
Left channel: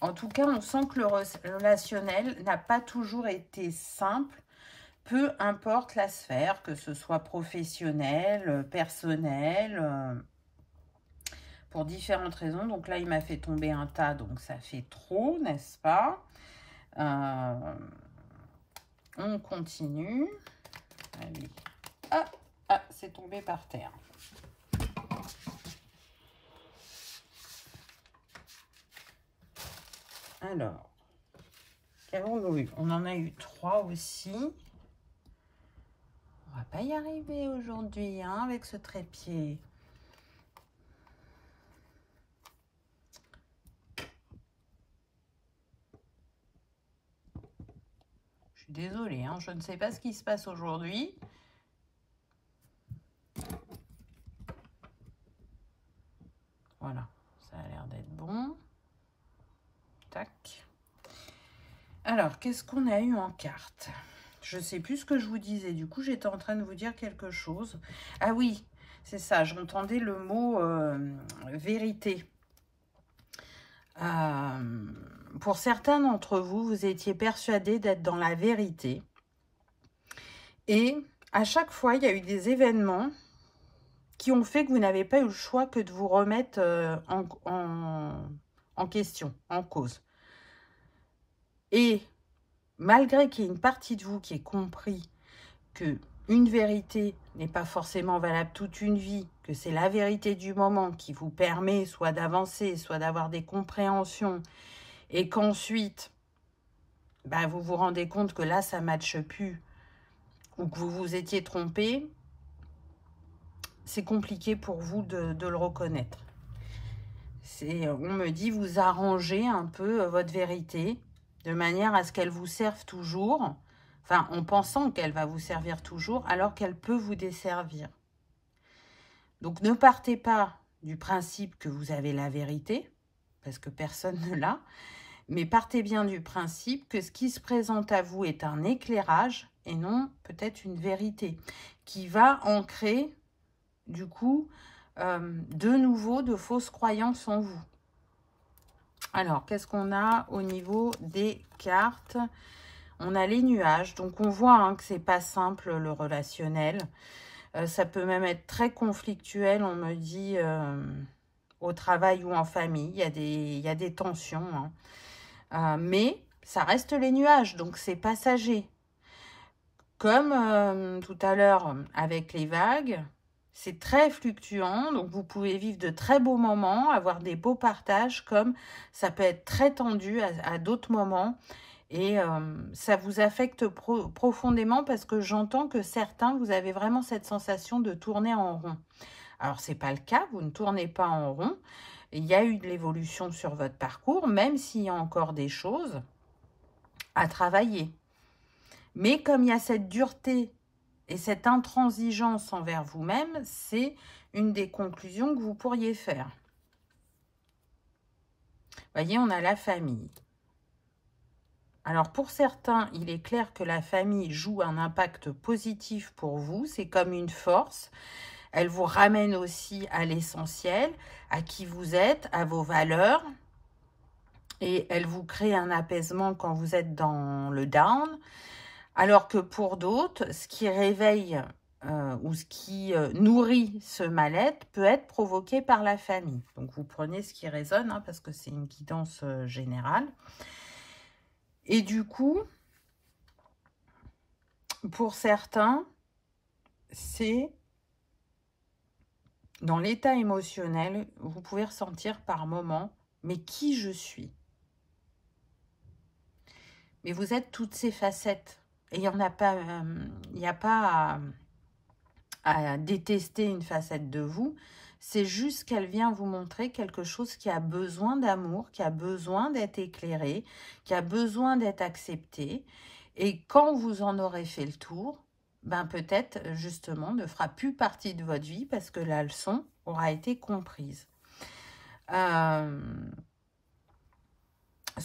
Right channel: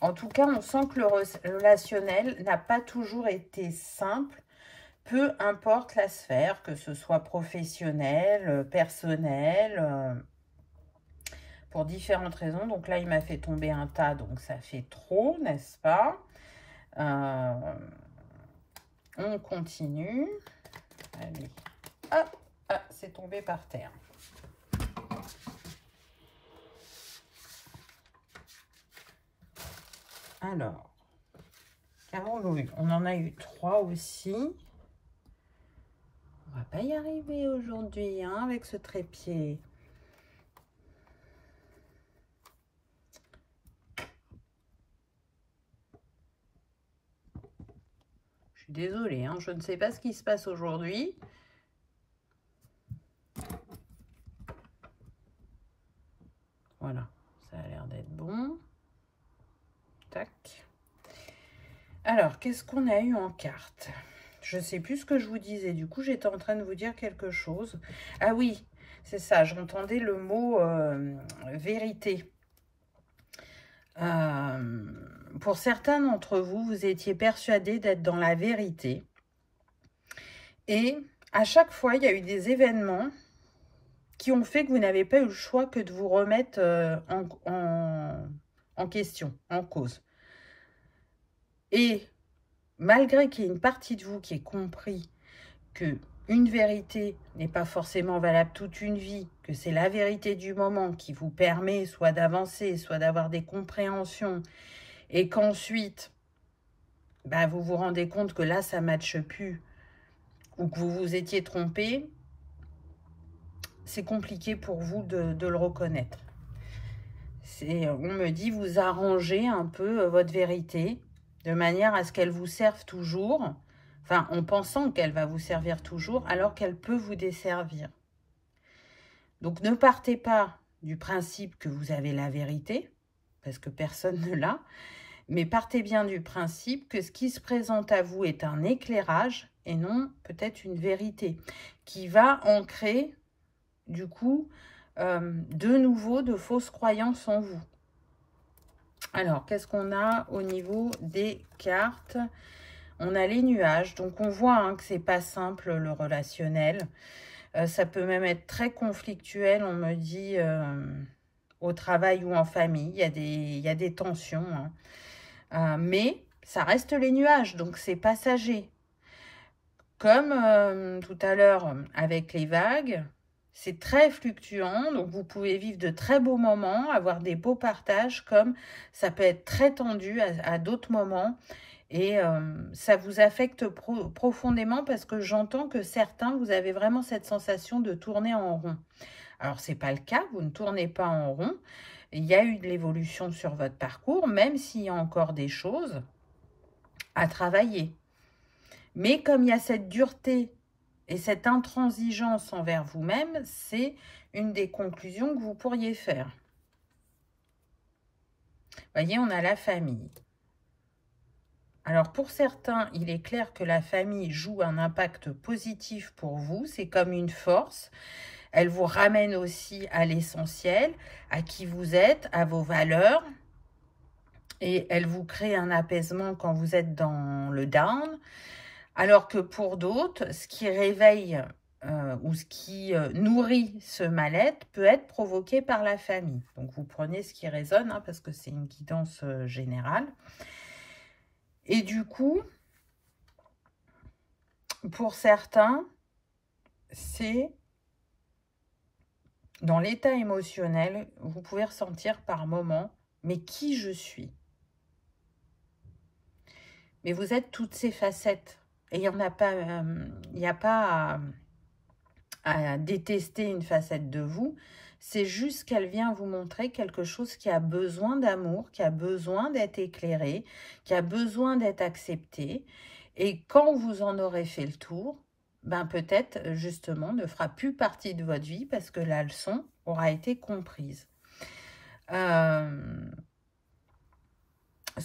En tout cas, on sent que le relationnel n'a pas toujours été simple, peu importe la sphère, que ce soit professionnel, personnel, pour différentes raisons. Donc là, il m'a fait tomber un tas, donc ça fait trop, n'est-ce pas? On continue. Allez. Ah, c'est tombé par terre. Alors, carreau Louis, on en a eu 3 aussi. On va pas y arriver aujourd'hui, hein, avec ce trépied. suis désolée, hein, je ne sais pas ce qui se passe aujourd'hui. Voilà, ça a l'air d'être bon. Tac. Alors, qu'est-ce qu'on a eu en carte? Je ne sais plus ce que je vous disais. Du coup, j'étais en train de vous dire quelque chose. Ah oui, c'est ça. J'entendais le mot vérité. Pour certains d'entre vous, vous étiez persuadés d'être dans la vérité. Et à chaque fois, il y a eu des événements qui ont fait que vous n'avez pas eu le choix que de vous remettre en question, en cause. Et malgré qu'il y ait une partie de vous qui ait compris que une vérité n'est pas forcément valable toute une vie, que c'est la vérité du moment qui vous permet soit d'avancer, soit d'avoir des compréhensions, et qu'ensuite, bah, vous vous rendez compte que là, ça ne matche plus, ou que vous vous étiez trompé, c'est compliqué pour vous de le reconnaître. On me dit, vous arrangez un peu votre vérité, de manière à ce qu'elle vous serve toujours, enfin, en pensant qu'elle va vous servir toujours, alors qu'elle peut vous desservir. Donc, ne partez pas du principe que vous avez la vérité, parce que personne ne l'a, mais partez bien du principe que ce qui se présente à vous est un éclairage, et non peut-être une vérité, qui va ancrer, du coup, de nouveau de fausses croyances en vous. Alors, qu'est-ce qu'on a au niveau des cartes? On a les nuages, donc on voit hein, que c'est pas simple le relationnel. Ça peut même être très conflictuel, on me dit, au travail ou en famille. Il y a des tensions. Hein. Mais ça reste les nuages, donc c'est passager. Comme tout à l'heure avec les vagues, c'est très fluctuant, donc vous pouvez vivre de très beaux moments, avoir des beaux partages, comme ça peut être très tendu à d'autres moments. Et ça vous affecte profondément parce que j'entends que certains, vous avez vraiment cette sensation de tourner en rond. Alors, ce n'est pas le cas, vous ne tournez pas en rond. Il y a eu de l'évolution sur votre parcours, même s'il y a encore des choses à travailler. Mais comme il y a cette dureté et cette intransigeance envers vous-même, c'est une des conclusions que vous pourriez faire. Vous voyez, on a la famille. Alors, pour certains, il est clair que la famille joue un impact positif pour vous. C'est comme une force. Elle vous ramène aussi à l'essentiel, à qui vous êtes, à vos valeurs. Et elle vous crée un apaisement quand vous êtes dans le down. Alors que pour d'autres, ce qui réveille ou ce qui nourrit ce mal-être peut être provoqué par la famille. Donc, vous prenez ce qui résonne, hein, parce que c'est une guidance générale. Et du coup, pour certains, c'est dans l'état émotionnel, vous pouvez ressentir par moment, mais qui je suis? Mais vous êtes toutes ces facettes. Et il n'y a pas à détester une facette de vous. C'est juste qu'elle vient vous montrer quelque chose qui a besoin d'amour, qui a besoin d'être éclairé, qui a besoin d'être accepté. Et quand vous en aurez fait le tour, ben peut-être justement ne fera plus partie de votre vie parce que la leçon aura été comprise. Ce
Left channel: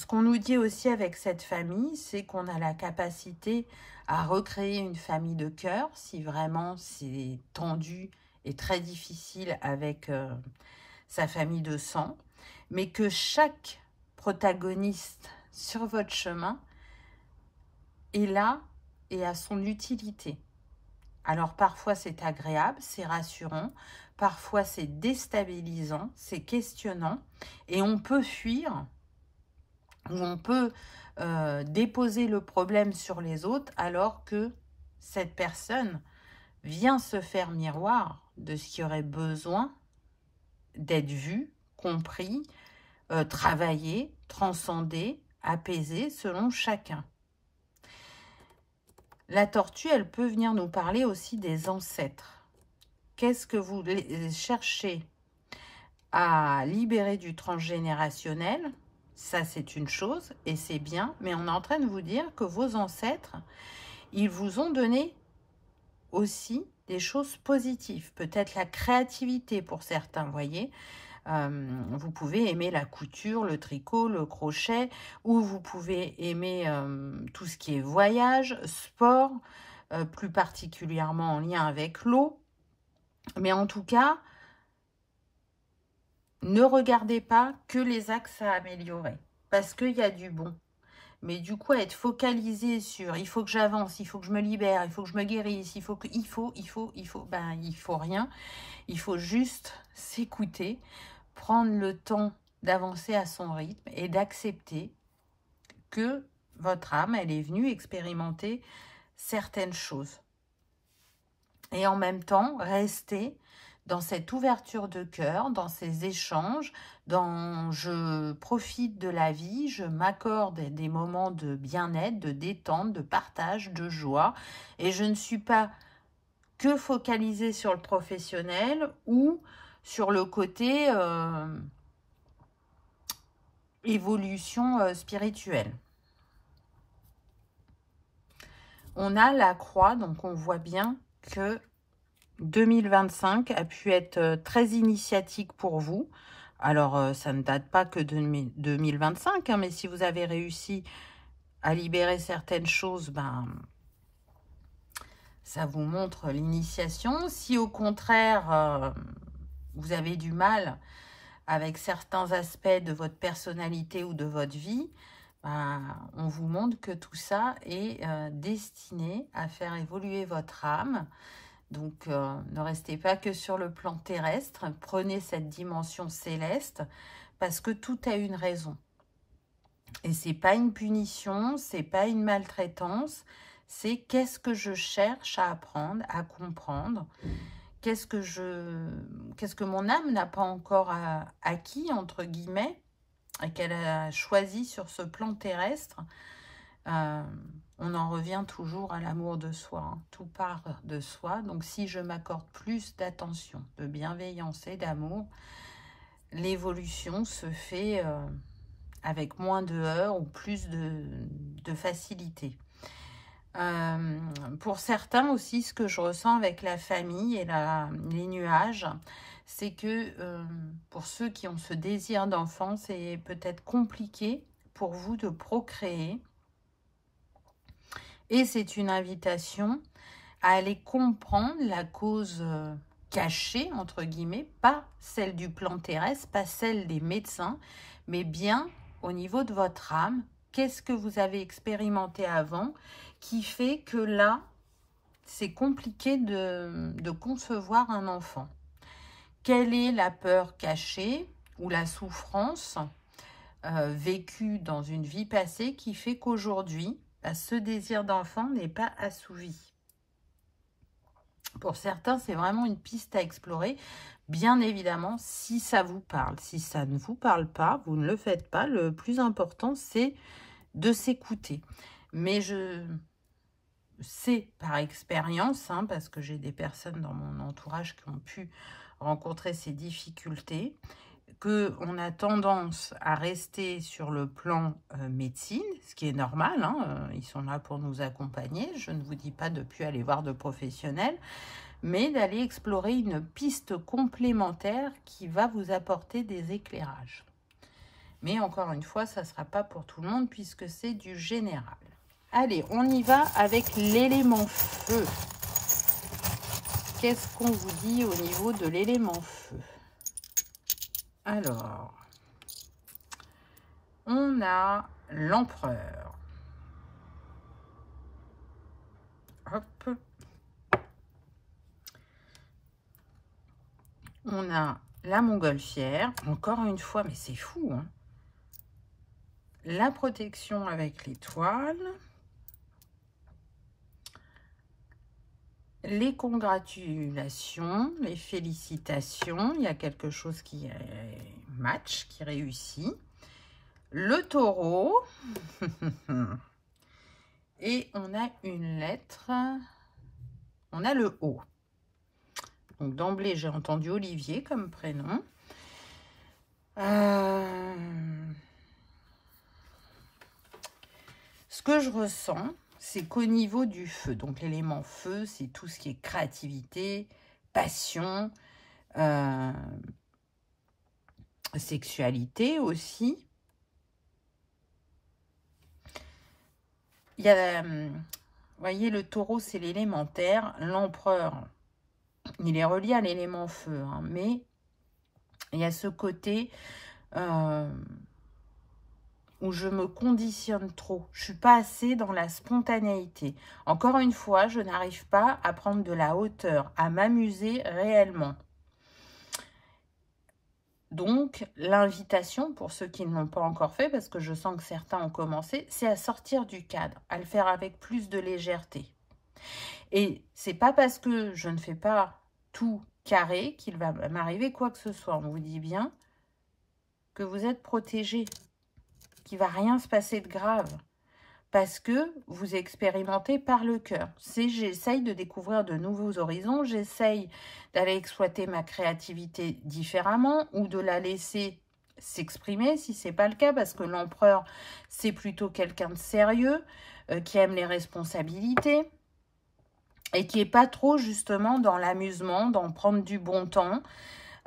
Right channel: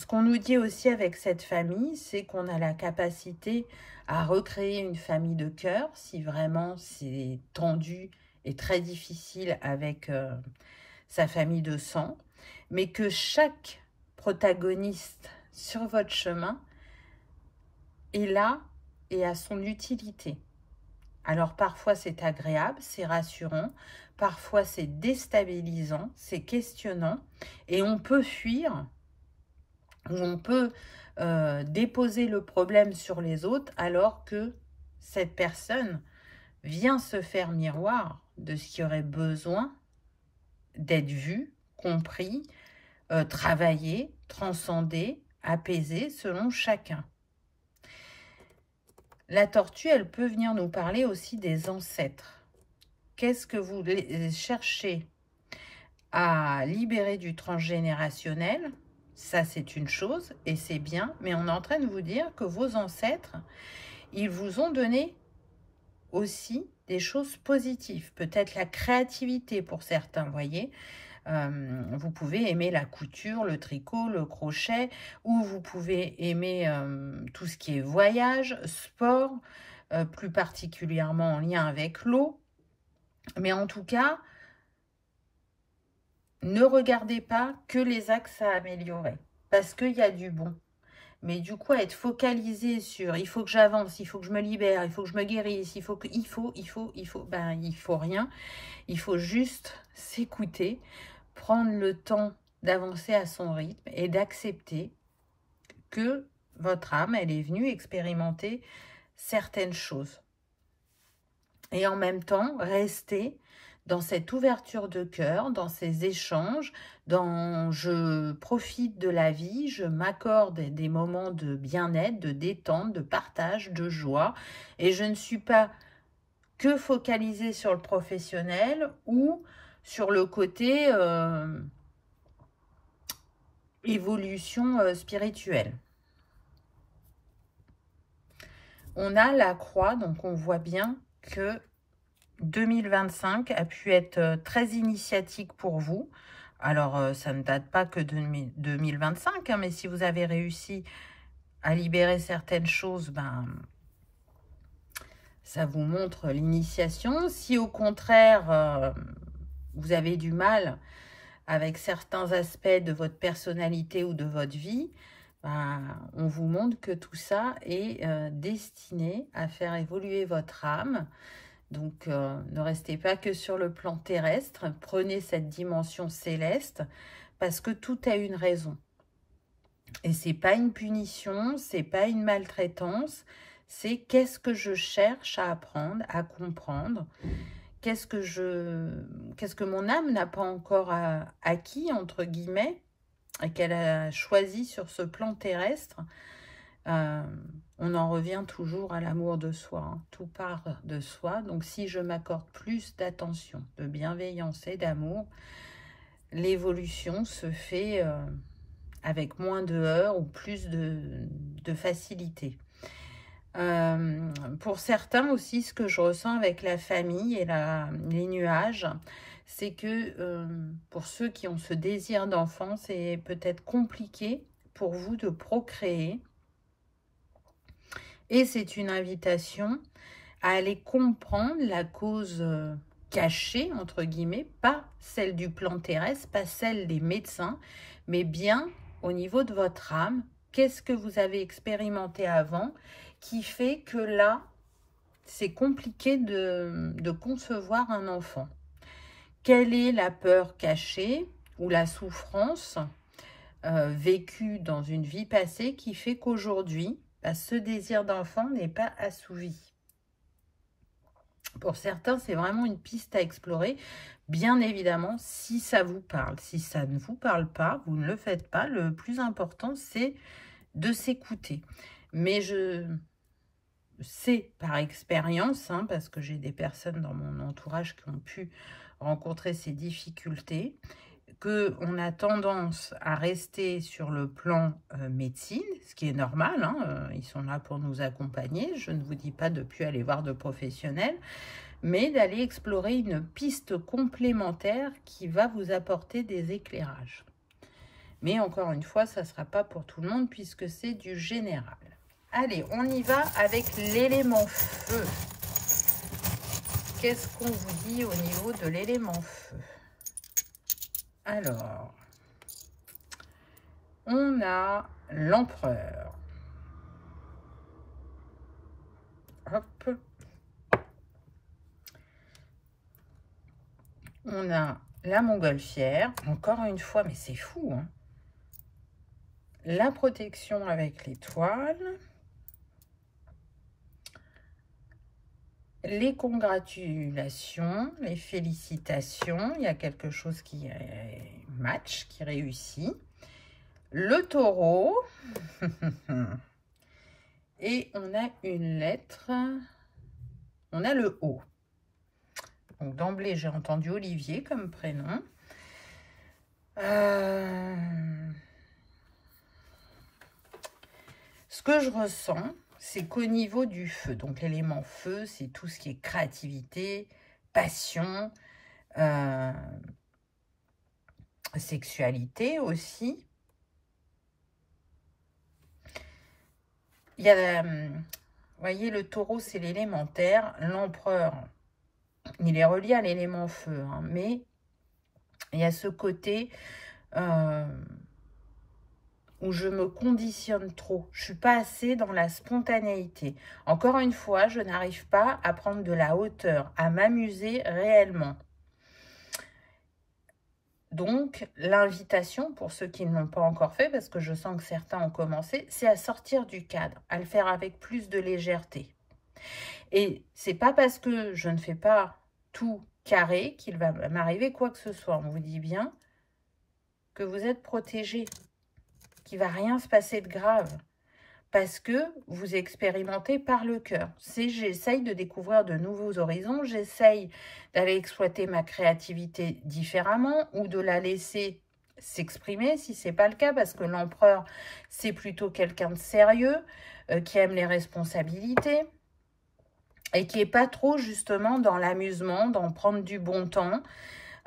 qu'on nous dit aussi avec cette famille, c'est qu'on a la capacité à recréer une famille de cœur si vraiment c'est tendu et très difficile avec sa famille de sang, mais que chaque protagoniste sur votre chemin est là et a son utilité. Alors parfois c'est agréable, c'est rassurant, parfois c'est déstabilisant, c'est questionnant et on peut fuir ou on peut déposer le problème sur les autres alors que cette personne vient se faire miroir de ce qui aurait besoin d'être vu, compris, travaillé, transcendé, apaisé selon chacun. La tortue, elle peut venir nous parler aussi des ancêtres. Qu'est-ce que vous cherchez à libérer du transgénérationnel? Ça, c'est une chose et c'est bien. Mais on est en train de vous dire que vos ancêtres, ils vous ont donné aussi des choses positives. Peut-être la créativité pour certains, vous voyez. Vous pouvez aimer la couture, le tricot, le crochet, ou vous pouvez aimer tout ce qui est voyage, sport, plus particulièrement en lien avec l'eau. Mais en tout cas, ne regardez pas que les axes à améliorer, parce qu'il y a du bon. Mais du coup, être focalisé sur « il faut que j'avance, il faut que je me libère, il faut que je me guérisse, il faut que... » ben, il faut rien. Il faut juste s'écouter, prendre le temps d'avancer à son rythme et d'accepter que votre âme, elle est venue expérimenter certaines choses. Et en même temps, rester dans cette ouverture de cœur, dans ces échanges, dans je profite de la vie, je m'accorde des moments de bien-être, de détente, de partage, de joie. Et je ne suis pas que focalisée sur le professionnel ou sur le côté évolution spirituelle. On a la croix, donc on voit bien que 2025 a pu être très initiatique pour vous. Alors, ça ne date pas que de 2025, hein, mais si vous avez réussi à libérer certaines choses, ben, ça vous montre l'initiation. Si au contraire, vous avez du mal avec certains aspects de votre personnalité ou de votre vie, ben, on vous montre que tout ça est destiné à faire évoluer votre âme. Donc, ne restez pas que sur le plan terrestre. Prenez cette dimension céleste parce que tout a une raison. Et c'est pas une punition, c'est pas une maltraitance. C'est qu'est-ce que je cherche à apprendre, à comprendre. Qu'est-ce que mon âme n'a pas encore acquis, entre guillemets, et qu'elle a choisi sur ce plan terrestre. On en revient toujours à l'amour de soi, hein. Tout part de soi. Donc, si je m'accorde plus d'attention, de bienveillance et d'amour, l'évolution se fait avec moins de heurts ou plus de facilité. Pour certains aussi, ce que je ressens avec la famille et les nuages, c'est que pour ceux qui ont ce désir d'enfant, c'est peut-être compliqué pour vous de procréer. Et c'est une invitation à aller comprendre la cause cachée, entre guillemets, pas celle du plan terrestre, pas celle des médecins, mais bien au niveau de votre âme. Qu'est-ce que vous avez expérimenté avant qui fait que là, c'est compliqué de concevoir un enfant? Quelle est la peur cachée ou la souffrance vécue dans une vie passée qui fait qu'aujourd'hui, ce désir d'enfant n'est pas assouvi? Pour certains, c'est vraiment une piste à explorer. Bien évidemment, si ça vous parle. Si ça ne vous parle pas, vous ne le faites pas. Le plus important, c'est de s'écouter. Mais je sais par expérience, hein, parce que j'ai des personnes dans mon entourage qui ont pu rencontrer ces difficultés, qu'on a tendance à rester sur le plan médecine, ce qui est normal, hein, ils sont là pour nous accompagner. Je ne vous dis pas de ne plus aller voir de professionnels, mais d'aller explorer une piste complémentaire qui va vous apporter des éclairages. Mais encore une fois, ça ne sera pas pour tout le monde puisque c'est du général. Allez, on y va avec l'élément feu. Qu'est-ce qu'on vous dit au niveau de l'élément feu? Alors, on a l'empereur. Hop. On a la montgolfière. Encore une fois, mais c'est fou, hein. La protection avec l'étoile. Les congratulations, les félicitations. Il y a quelque chose qui match, qui réussit. Le taureau. Et on a une lettre. On a le O. Donc d'emblée, j'ai entendu Olivier comme prénom. ce que je ressens, c'est qu'au niveau du feu, donc l'élément feu, c'est tout ce qui est créativité, passion, sexualité aussi. Il y a, vous voyez, le taureau, c'est l'élémentaire. L'empereur, il est relié à l'élément feu, hein, mais il y a ce côté où je me conditionne trop. Je ne suis pas assez dans la spontanéité. Encore une fois, je n'arrive pas à prendre de la hauteur, à m'amuser réellement. Donc, l'invitation, pour ceux qui ne l'ont pas encore fait, parce que je sens que certains ont commencé, c'est à sortir du cadre, à le faire avec plus de légèreté. Et c'est pas parce que je ne fais pas tout carré qu'il va m'arriver quoi que ce soit. On vous dit bien que vous êtes protégé, qu'il ne va rien se passer de grave, parce que vous expérimentez par le cœur. J'essaye de découvrir de nouveaux horizons, j'essaye d'aller exploiter ma créativité différemment ou de la laisser s'exprimer si ce n'est pas le cas, parce que l'empereur, c'est plutôt quelqu'un de sérieux, qui aime les responsabilités et qui n'est pas trop justement dans l'amusement, dans prendre du bon temps.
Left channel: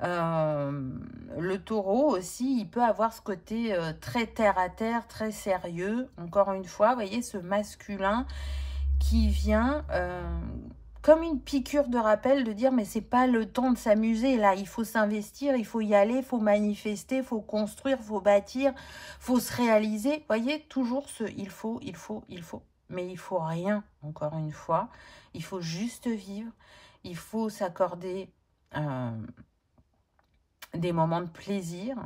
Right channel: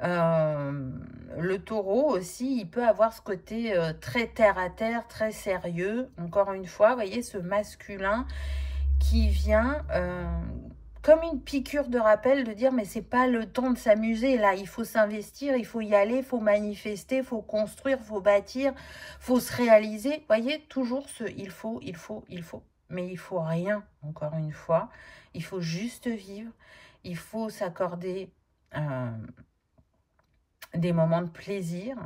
Le taureau aussi, il peut avoir ce côté très terre à terre, très sérieux. Encore une fois, vous voyez ce masculin qui vient comme une piqûre de rappel de dire mais c'est pas le temps de s'amuser là, il faut s'investir, il faut y aller, il faut manifester, il faut construire, il faut bâtir, il faut se réaliser. Vous voyez, toujours ce il faut. Mais il faut rien, encore une fois. Il faut juste vivre. Il faut s'accorder des moments de plaisir,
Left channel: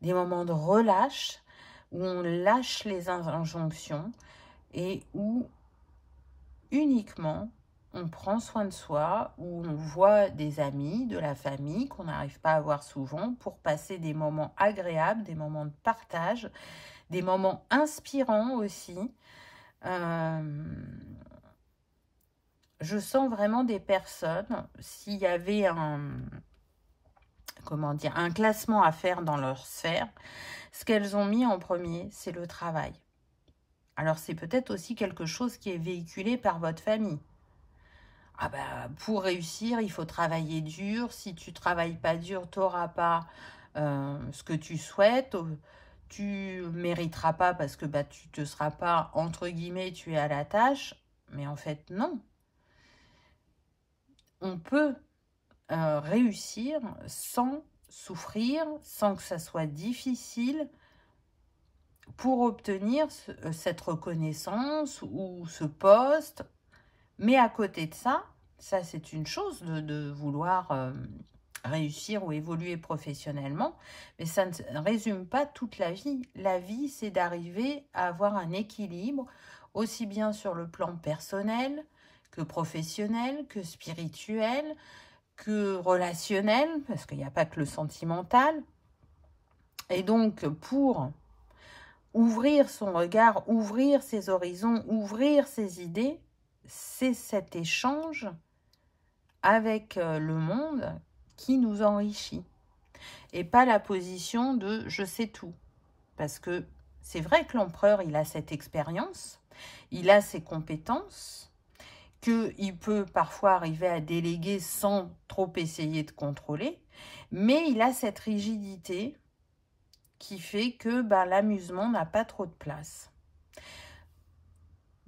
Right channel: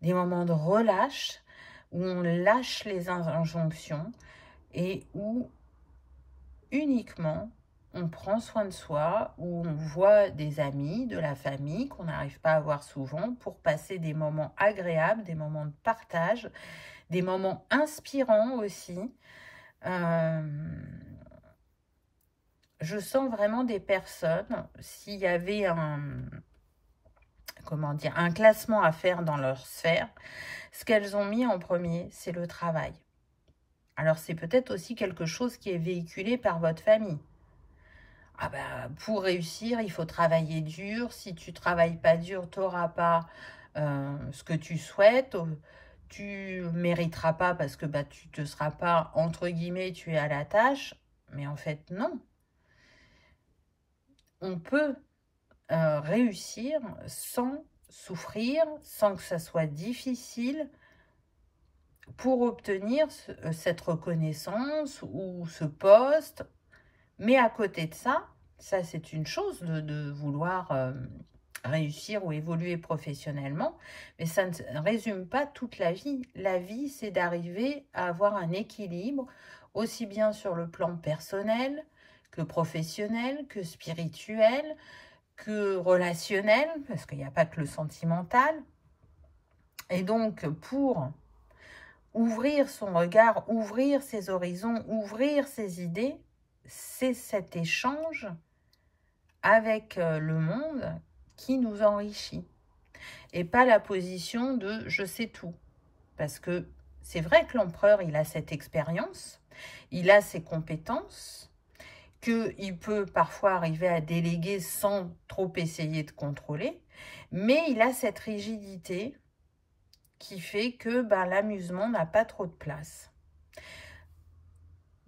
des moments de relâche, où on lâche les injonctions et où uniquement on prend soin de soi, où on voit des amis, de la famille qu'on n'arrive pas à voir souvent pour passer des moments agréables, des moments de partage, des moments inspirants aussi. Je sens vraiment des personnes, s'il y avait un classement à faire dans leur sphère, ce qu'elles ont mis en premier, c'est le travail. Alors, c'est peut-être aussi quelque chose qui est véhiculé par votre famille. Ah ben, pour réussir, il faut travailler dur. Si tu ne travailles pas dur, tu n'auras pas ce que tu souhaites. Tu ne mériteras pas parce que tu ne te seras pas, entre guillemets, tu es à la tâche. Mais en fait, non. On peut réussir sans souffrir, sans que ça soit difficile pour obtenir cette reconnaissance ou ce poste. Mais à côté de ça, c'est une chose de vouloir réussir ou évoluer professionnellement, mais ça ne résume pas toute la vie. La vie, c'est d'arriver à avoir un équilibre, aussi bien sur le plan personnel, que professionnel, que spirituel, que relationnel, parce qu'il n'y a pas que le sentimental. Et donc, pour ouvrir son regard, ouvrir ses horizons, ouvrir ses idées, c'est cet échange avec le monde qui nous enrichit. Et pas la position de « je sais tout ». Parce que c'est vrai que l'empereur, il a cette expérience, il a ses compétences, qu'il peut parfois arriver à déléguer sans trop essayer de contrôler, mais il a cette rigidité qui fait que l'amusement n'a pas trop de place.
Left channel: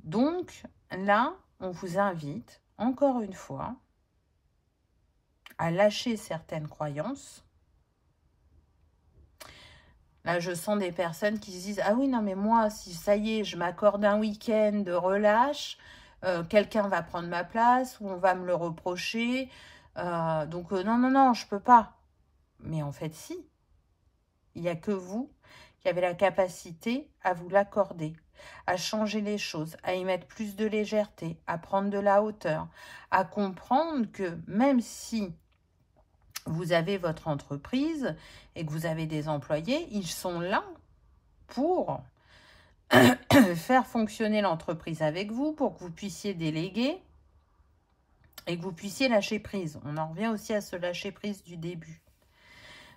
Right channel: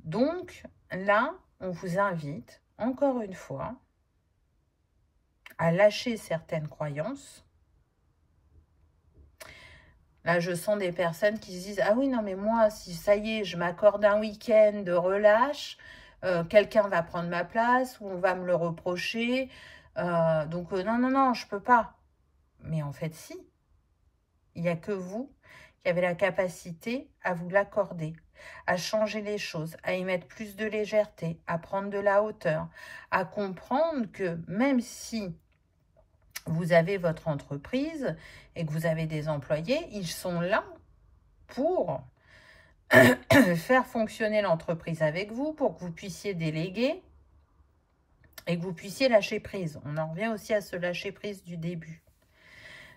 Donc là, on vous invite, encore une fois, à lâcher certaines croyances. Là, je sens des personnes qui se disent « Ah oui, non, mais moi, si ça y est, je m'accorde un week-end de relâche, quelqu'un va prendre ma place ou on va me le reprocher. Donc, non, je ne peux pas. » Mais en fait, si. Il n'y a que vous qui avez la capacité à vous l'accorder, à changer les choses, à y mettre plus de légèreté, à prendre de la hauteur, à comprendre que même si vous avez votre entreprise et que vous avez des employés, ils sont là pour faire fonctionner l'entreprise avec vous, pour que vous puissiez déléguer et que vous puissiez lâcher prise. On en revient aussi à ce lâcher prise du début.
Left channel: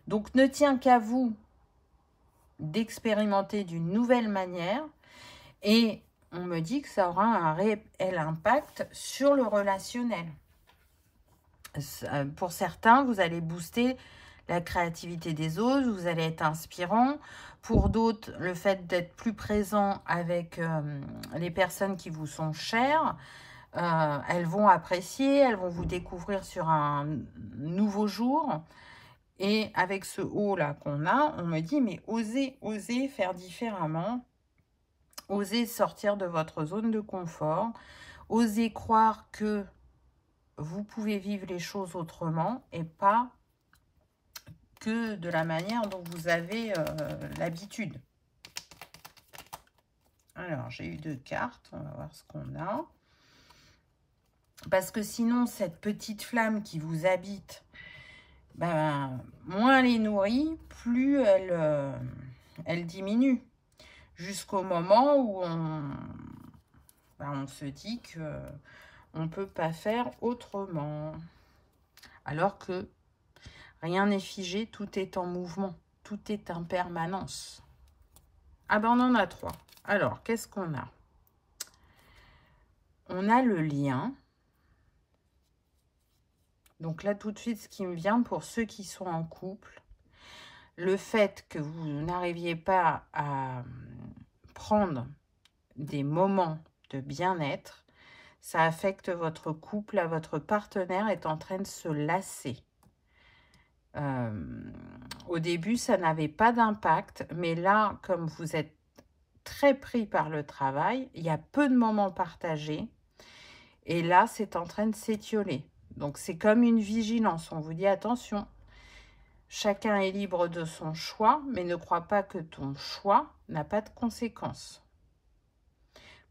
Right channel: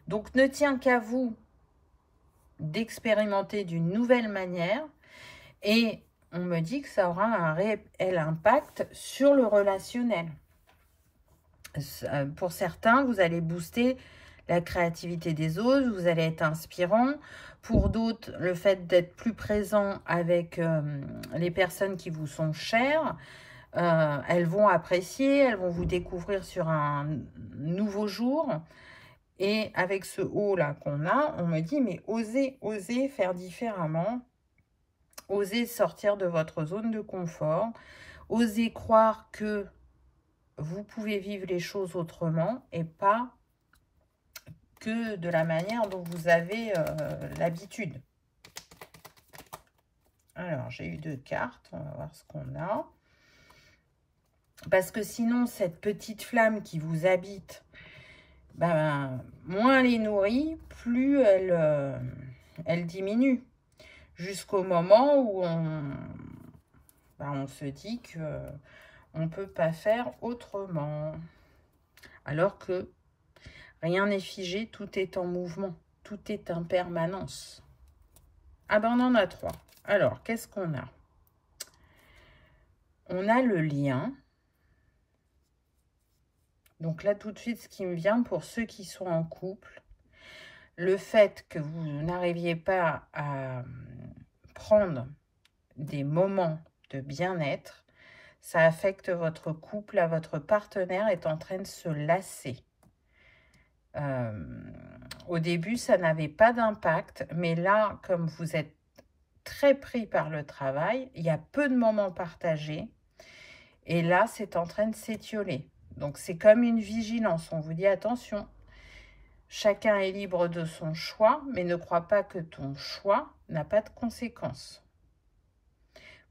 Donc, ne tient qu'à vous d'expérimenter d'une nouvelle manière. Et on me dit que ça aura un réel impact sur le relationnel. Pour certains, vous allez booster la créativité des autres, vous allez être inspirant. Pour d'autres, le fait d'être plus présent avec les personnes qui vous sont chères, elles vont apprécier, elles vont vous découvrir sur un nouveau jour. Et avec ce haut là qu'on a, on me dit, mais osez faire différemment, osez sortir de votre zone de confort, osez croire que vous pouvez vivre les choses autrement et pas que de la manière dont vous avez l'habitude. Alors, j'ai eu 2 cartes, on va voir ce qu'on a. Parce que sinon, cette petite flamme qui vous habite, ben, moins elle est nourrie, plus elle diminue. Jusqu'au moment où on se dit que on ne peut pas faire autrement. Alors que rien n'est figé, tout est en mouvement, tout est en permanence. Ah ben on en a 3. Alors, qu'est-ce qu'on a? On a le lien. Donc là, tout de suite, ce qui me vient pour ceux qui sont en couple, le fait que vous n'arriviez pas à prendre des moments de bien-être, ça affecte votre couple, là, votre partenaire est en train de se lasser. Au début, ça n'avait pas d'impact, mais là, comme vous êtes très pris par le travail, il y a peu de moments partagés, et là, c'est en train de s'étioler. Donc, c'est comme une vigilance. On vous dit, attention, chacun est libre de son choix, mais ne crois pas que ton choix n'a pas de conséquences.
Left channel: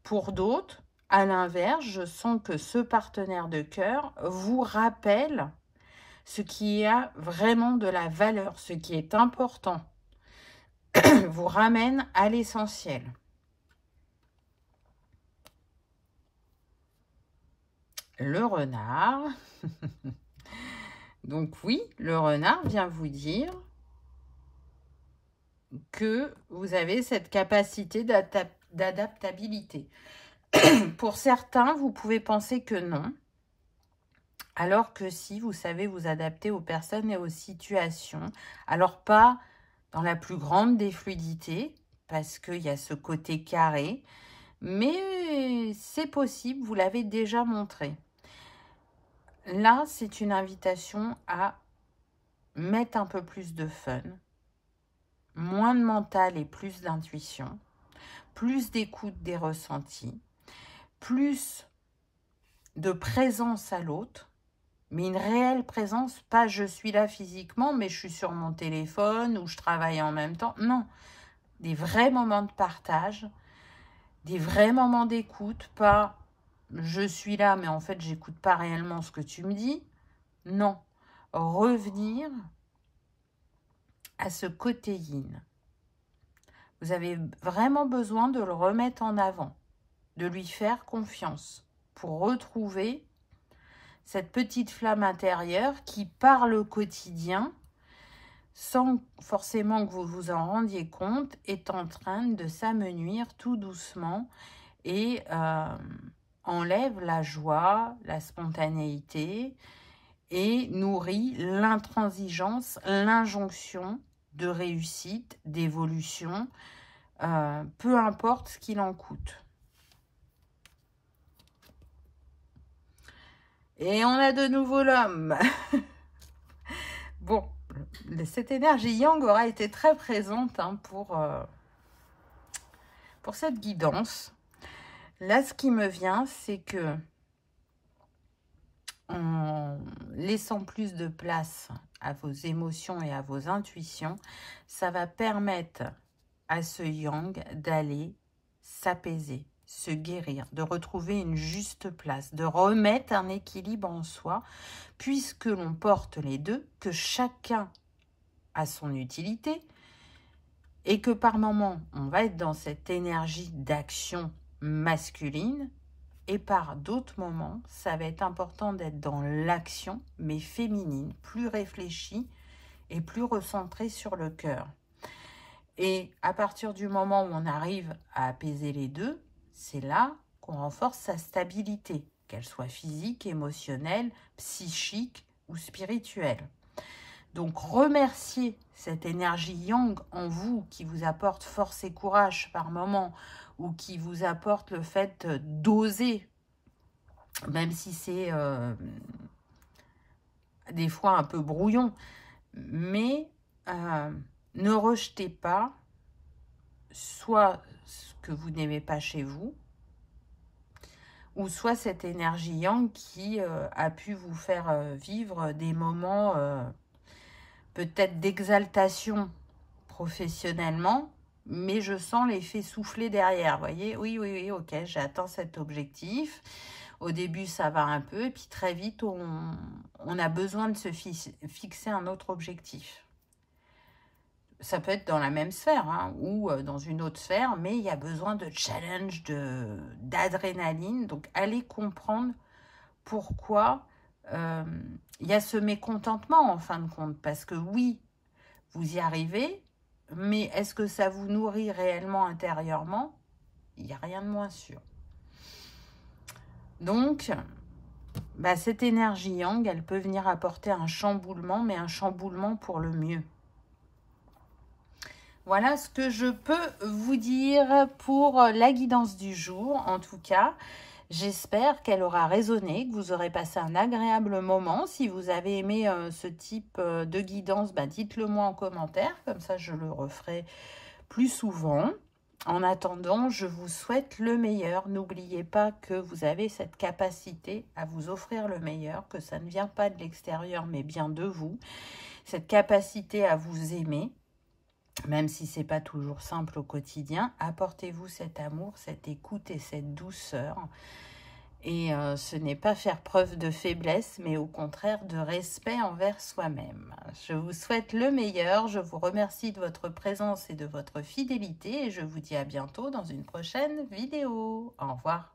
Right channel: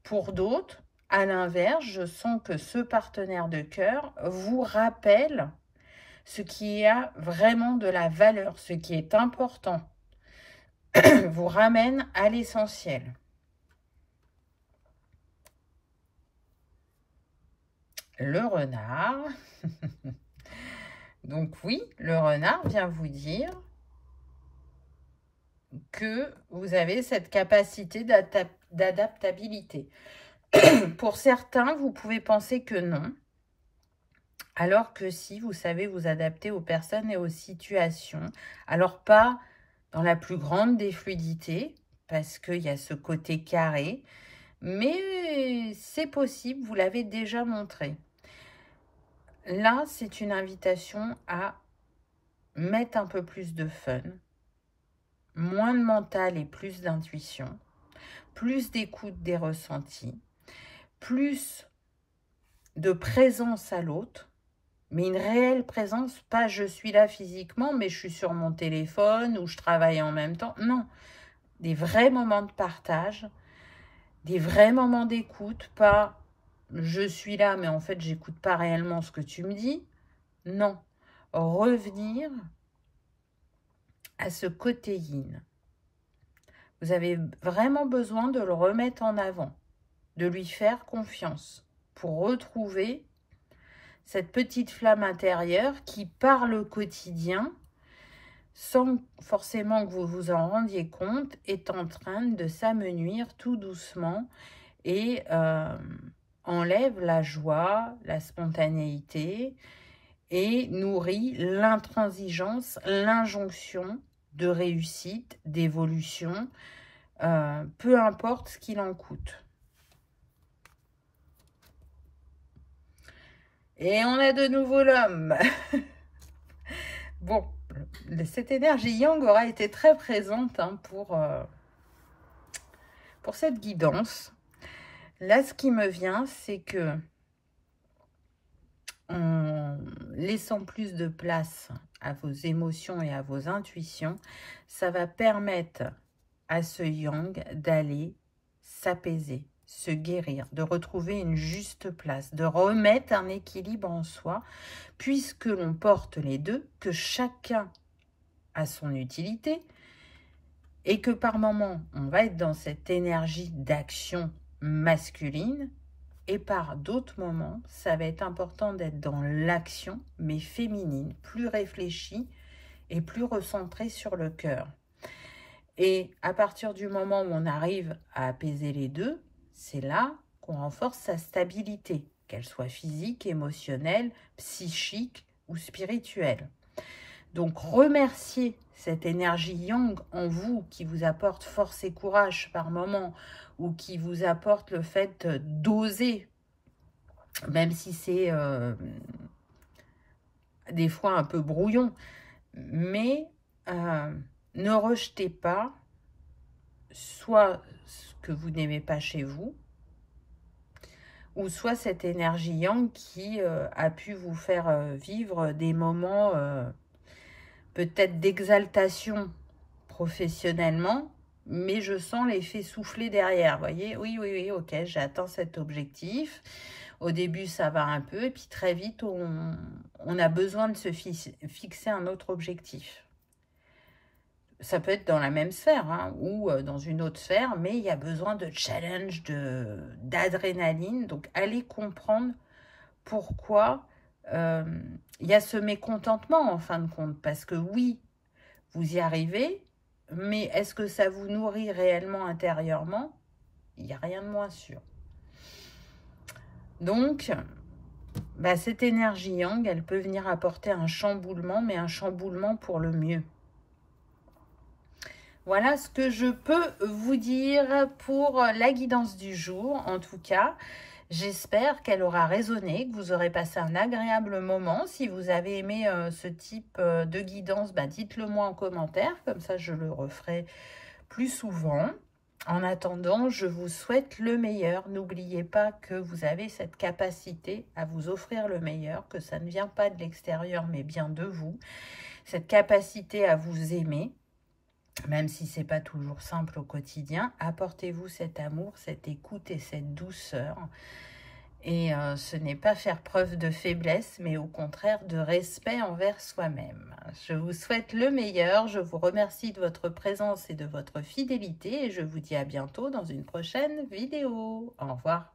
Pour d'autres, à l'inverse, je sens que ce partenaire de cœur vous rappelle ce qui a vraiment de la valeur, ce qui est important, vous ramène à l'essentiel. Le renard. Donc oui, le renard vient vous dire que vous avez cette capacité d'adaptabilité. Pour certains, vous pouvez penser que non, alors que si, vous savez vous adapter aux personnes et aux situations. Alors pas dans la plus grande des fluidités, parce qu'il y a ce côté carré, mais c'est possible, vous l'avez déjà montré. Là, c'est une invitation à mettre un peu plus de fun, moins de mental et plus d'intuition, plus d'écoute des ressentis, plus de présence à l'autre, mais une réelle présence, pas je suis là physiquement, mais je suis sur mon téléphone ou je travaille en même temps. Non, des vrais moments de partage, des vrais moments d'écoute, pas je suis là, mais en fait, j'écoute pas réellement ce que tu me dis. Non, revenir à ce côté yin. Vous avez vraiment besoin de le remettre en avant, de lui faire confiance pour retrouver cette petite flamme intérieure qui, par le quotidien, sans forcément que vous vous en rendiez compte, est en train de s'amenuire tout doucement et enlève la joie, la spontanéité et nourrit l'intransigeance, l'injonction de réussite, d'évolution, peu importe ce qu'il en coûte. Et on a de nouveau l'homme. Bon, cette énergie yang aura été très présente hein, pour cette guidance. Là, ce qui me vient, c'est que en laissant plus de place à vos émotions et à vos intuitions, ça va permettre à ce yang d'aller s'apaiser, se guérir, de retrouver une juste place, de remettre un équilibre en soi, puisque l'on porte les deux, que chacun a son utilité, et que par moments, on va être dans cette énergie d'action masculine, et par d'autres moments, ça va être important d'être dans l'action, mais féminine, plus réfléchie et plus recentrée sur le cœur. Et à partir du moment où on arrive à apaiser les deux, c'est là qu'on renforce sa stabilité, qu'elle soit physique, émotionnelle, psychique ou spirituelle. Donc, remerciez cette énergie yang en vous qui vous apporte force et courage par moment ou qui vous apporte le fait d'oser, même si c'est des fois un peu brouillon. Mais ne rejetez pas soit ce que vous n'aimez pas chez vous, ou soit cette énergie yang qui a pu vous faire vivre des moments peut-être d'exaltation professionnellement, mais je sens l'effet soufflé derrière, voyez, oui, ok, j'ai atteint cet objectif. Au début, ça va un peu, et puis très vite, on a besoin de se fixer un autre objectif. Ça peut être dans la même sphère, hein, ou dans une autre sphère, mais il y a besoin de challenge, d'adrénaline. Donc, allez comprendre pourquoi il y a ce mécontentement, en fin de compte. Parce que oui, vous y arrivez, mais est-ce que ça vous nourrit réellement intérieurement? Il n'y a rien de moins sûr. Donc, bah, cette énergie yang, elle peut venir apporter un chamboulement, mais un chamboulement pour le mieux. Voilà ce que je peux vous dire pour la guidance du jour. En tout cas, j'espère qu'elle aura résonné, que vous aurez passé un agréable moment. Si vous avez aimé ce type de guidance, bah, dites-le moi en commentaire. Comme ça, je le referai plus souvent. En attendant, je vous souhaite le meilleur. N'oubliez pas que vous avez cette capacité à vous offrir le meilleur, que ça ne vient pas de l'extérieur, mais bien de vous. Cette capacité à vous aimer. Même si ce n'est pas toujours simple au quotidien, apportez-vous cet amour, cette écoute et cette douceur. Et ce n'est pas faire preuve de faiblesse, mais au contraire de respect envers soi-même. Je vous souhaite le meilleur, je vous remercie de votre présence et de votre fidélité. Et je vous dis à bientôt dans une prochaine vidéo. Au revoir.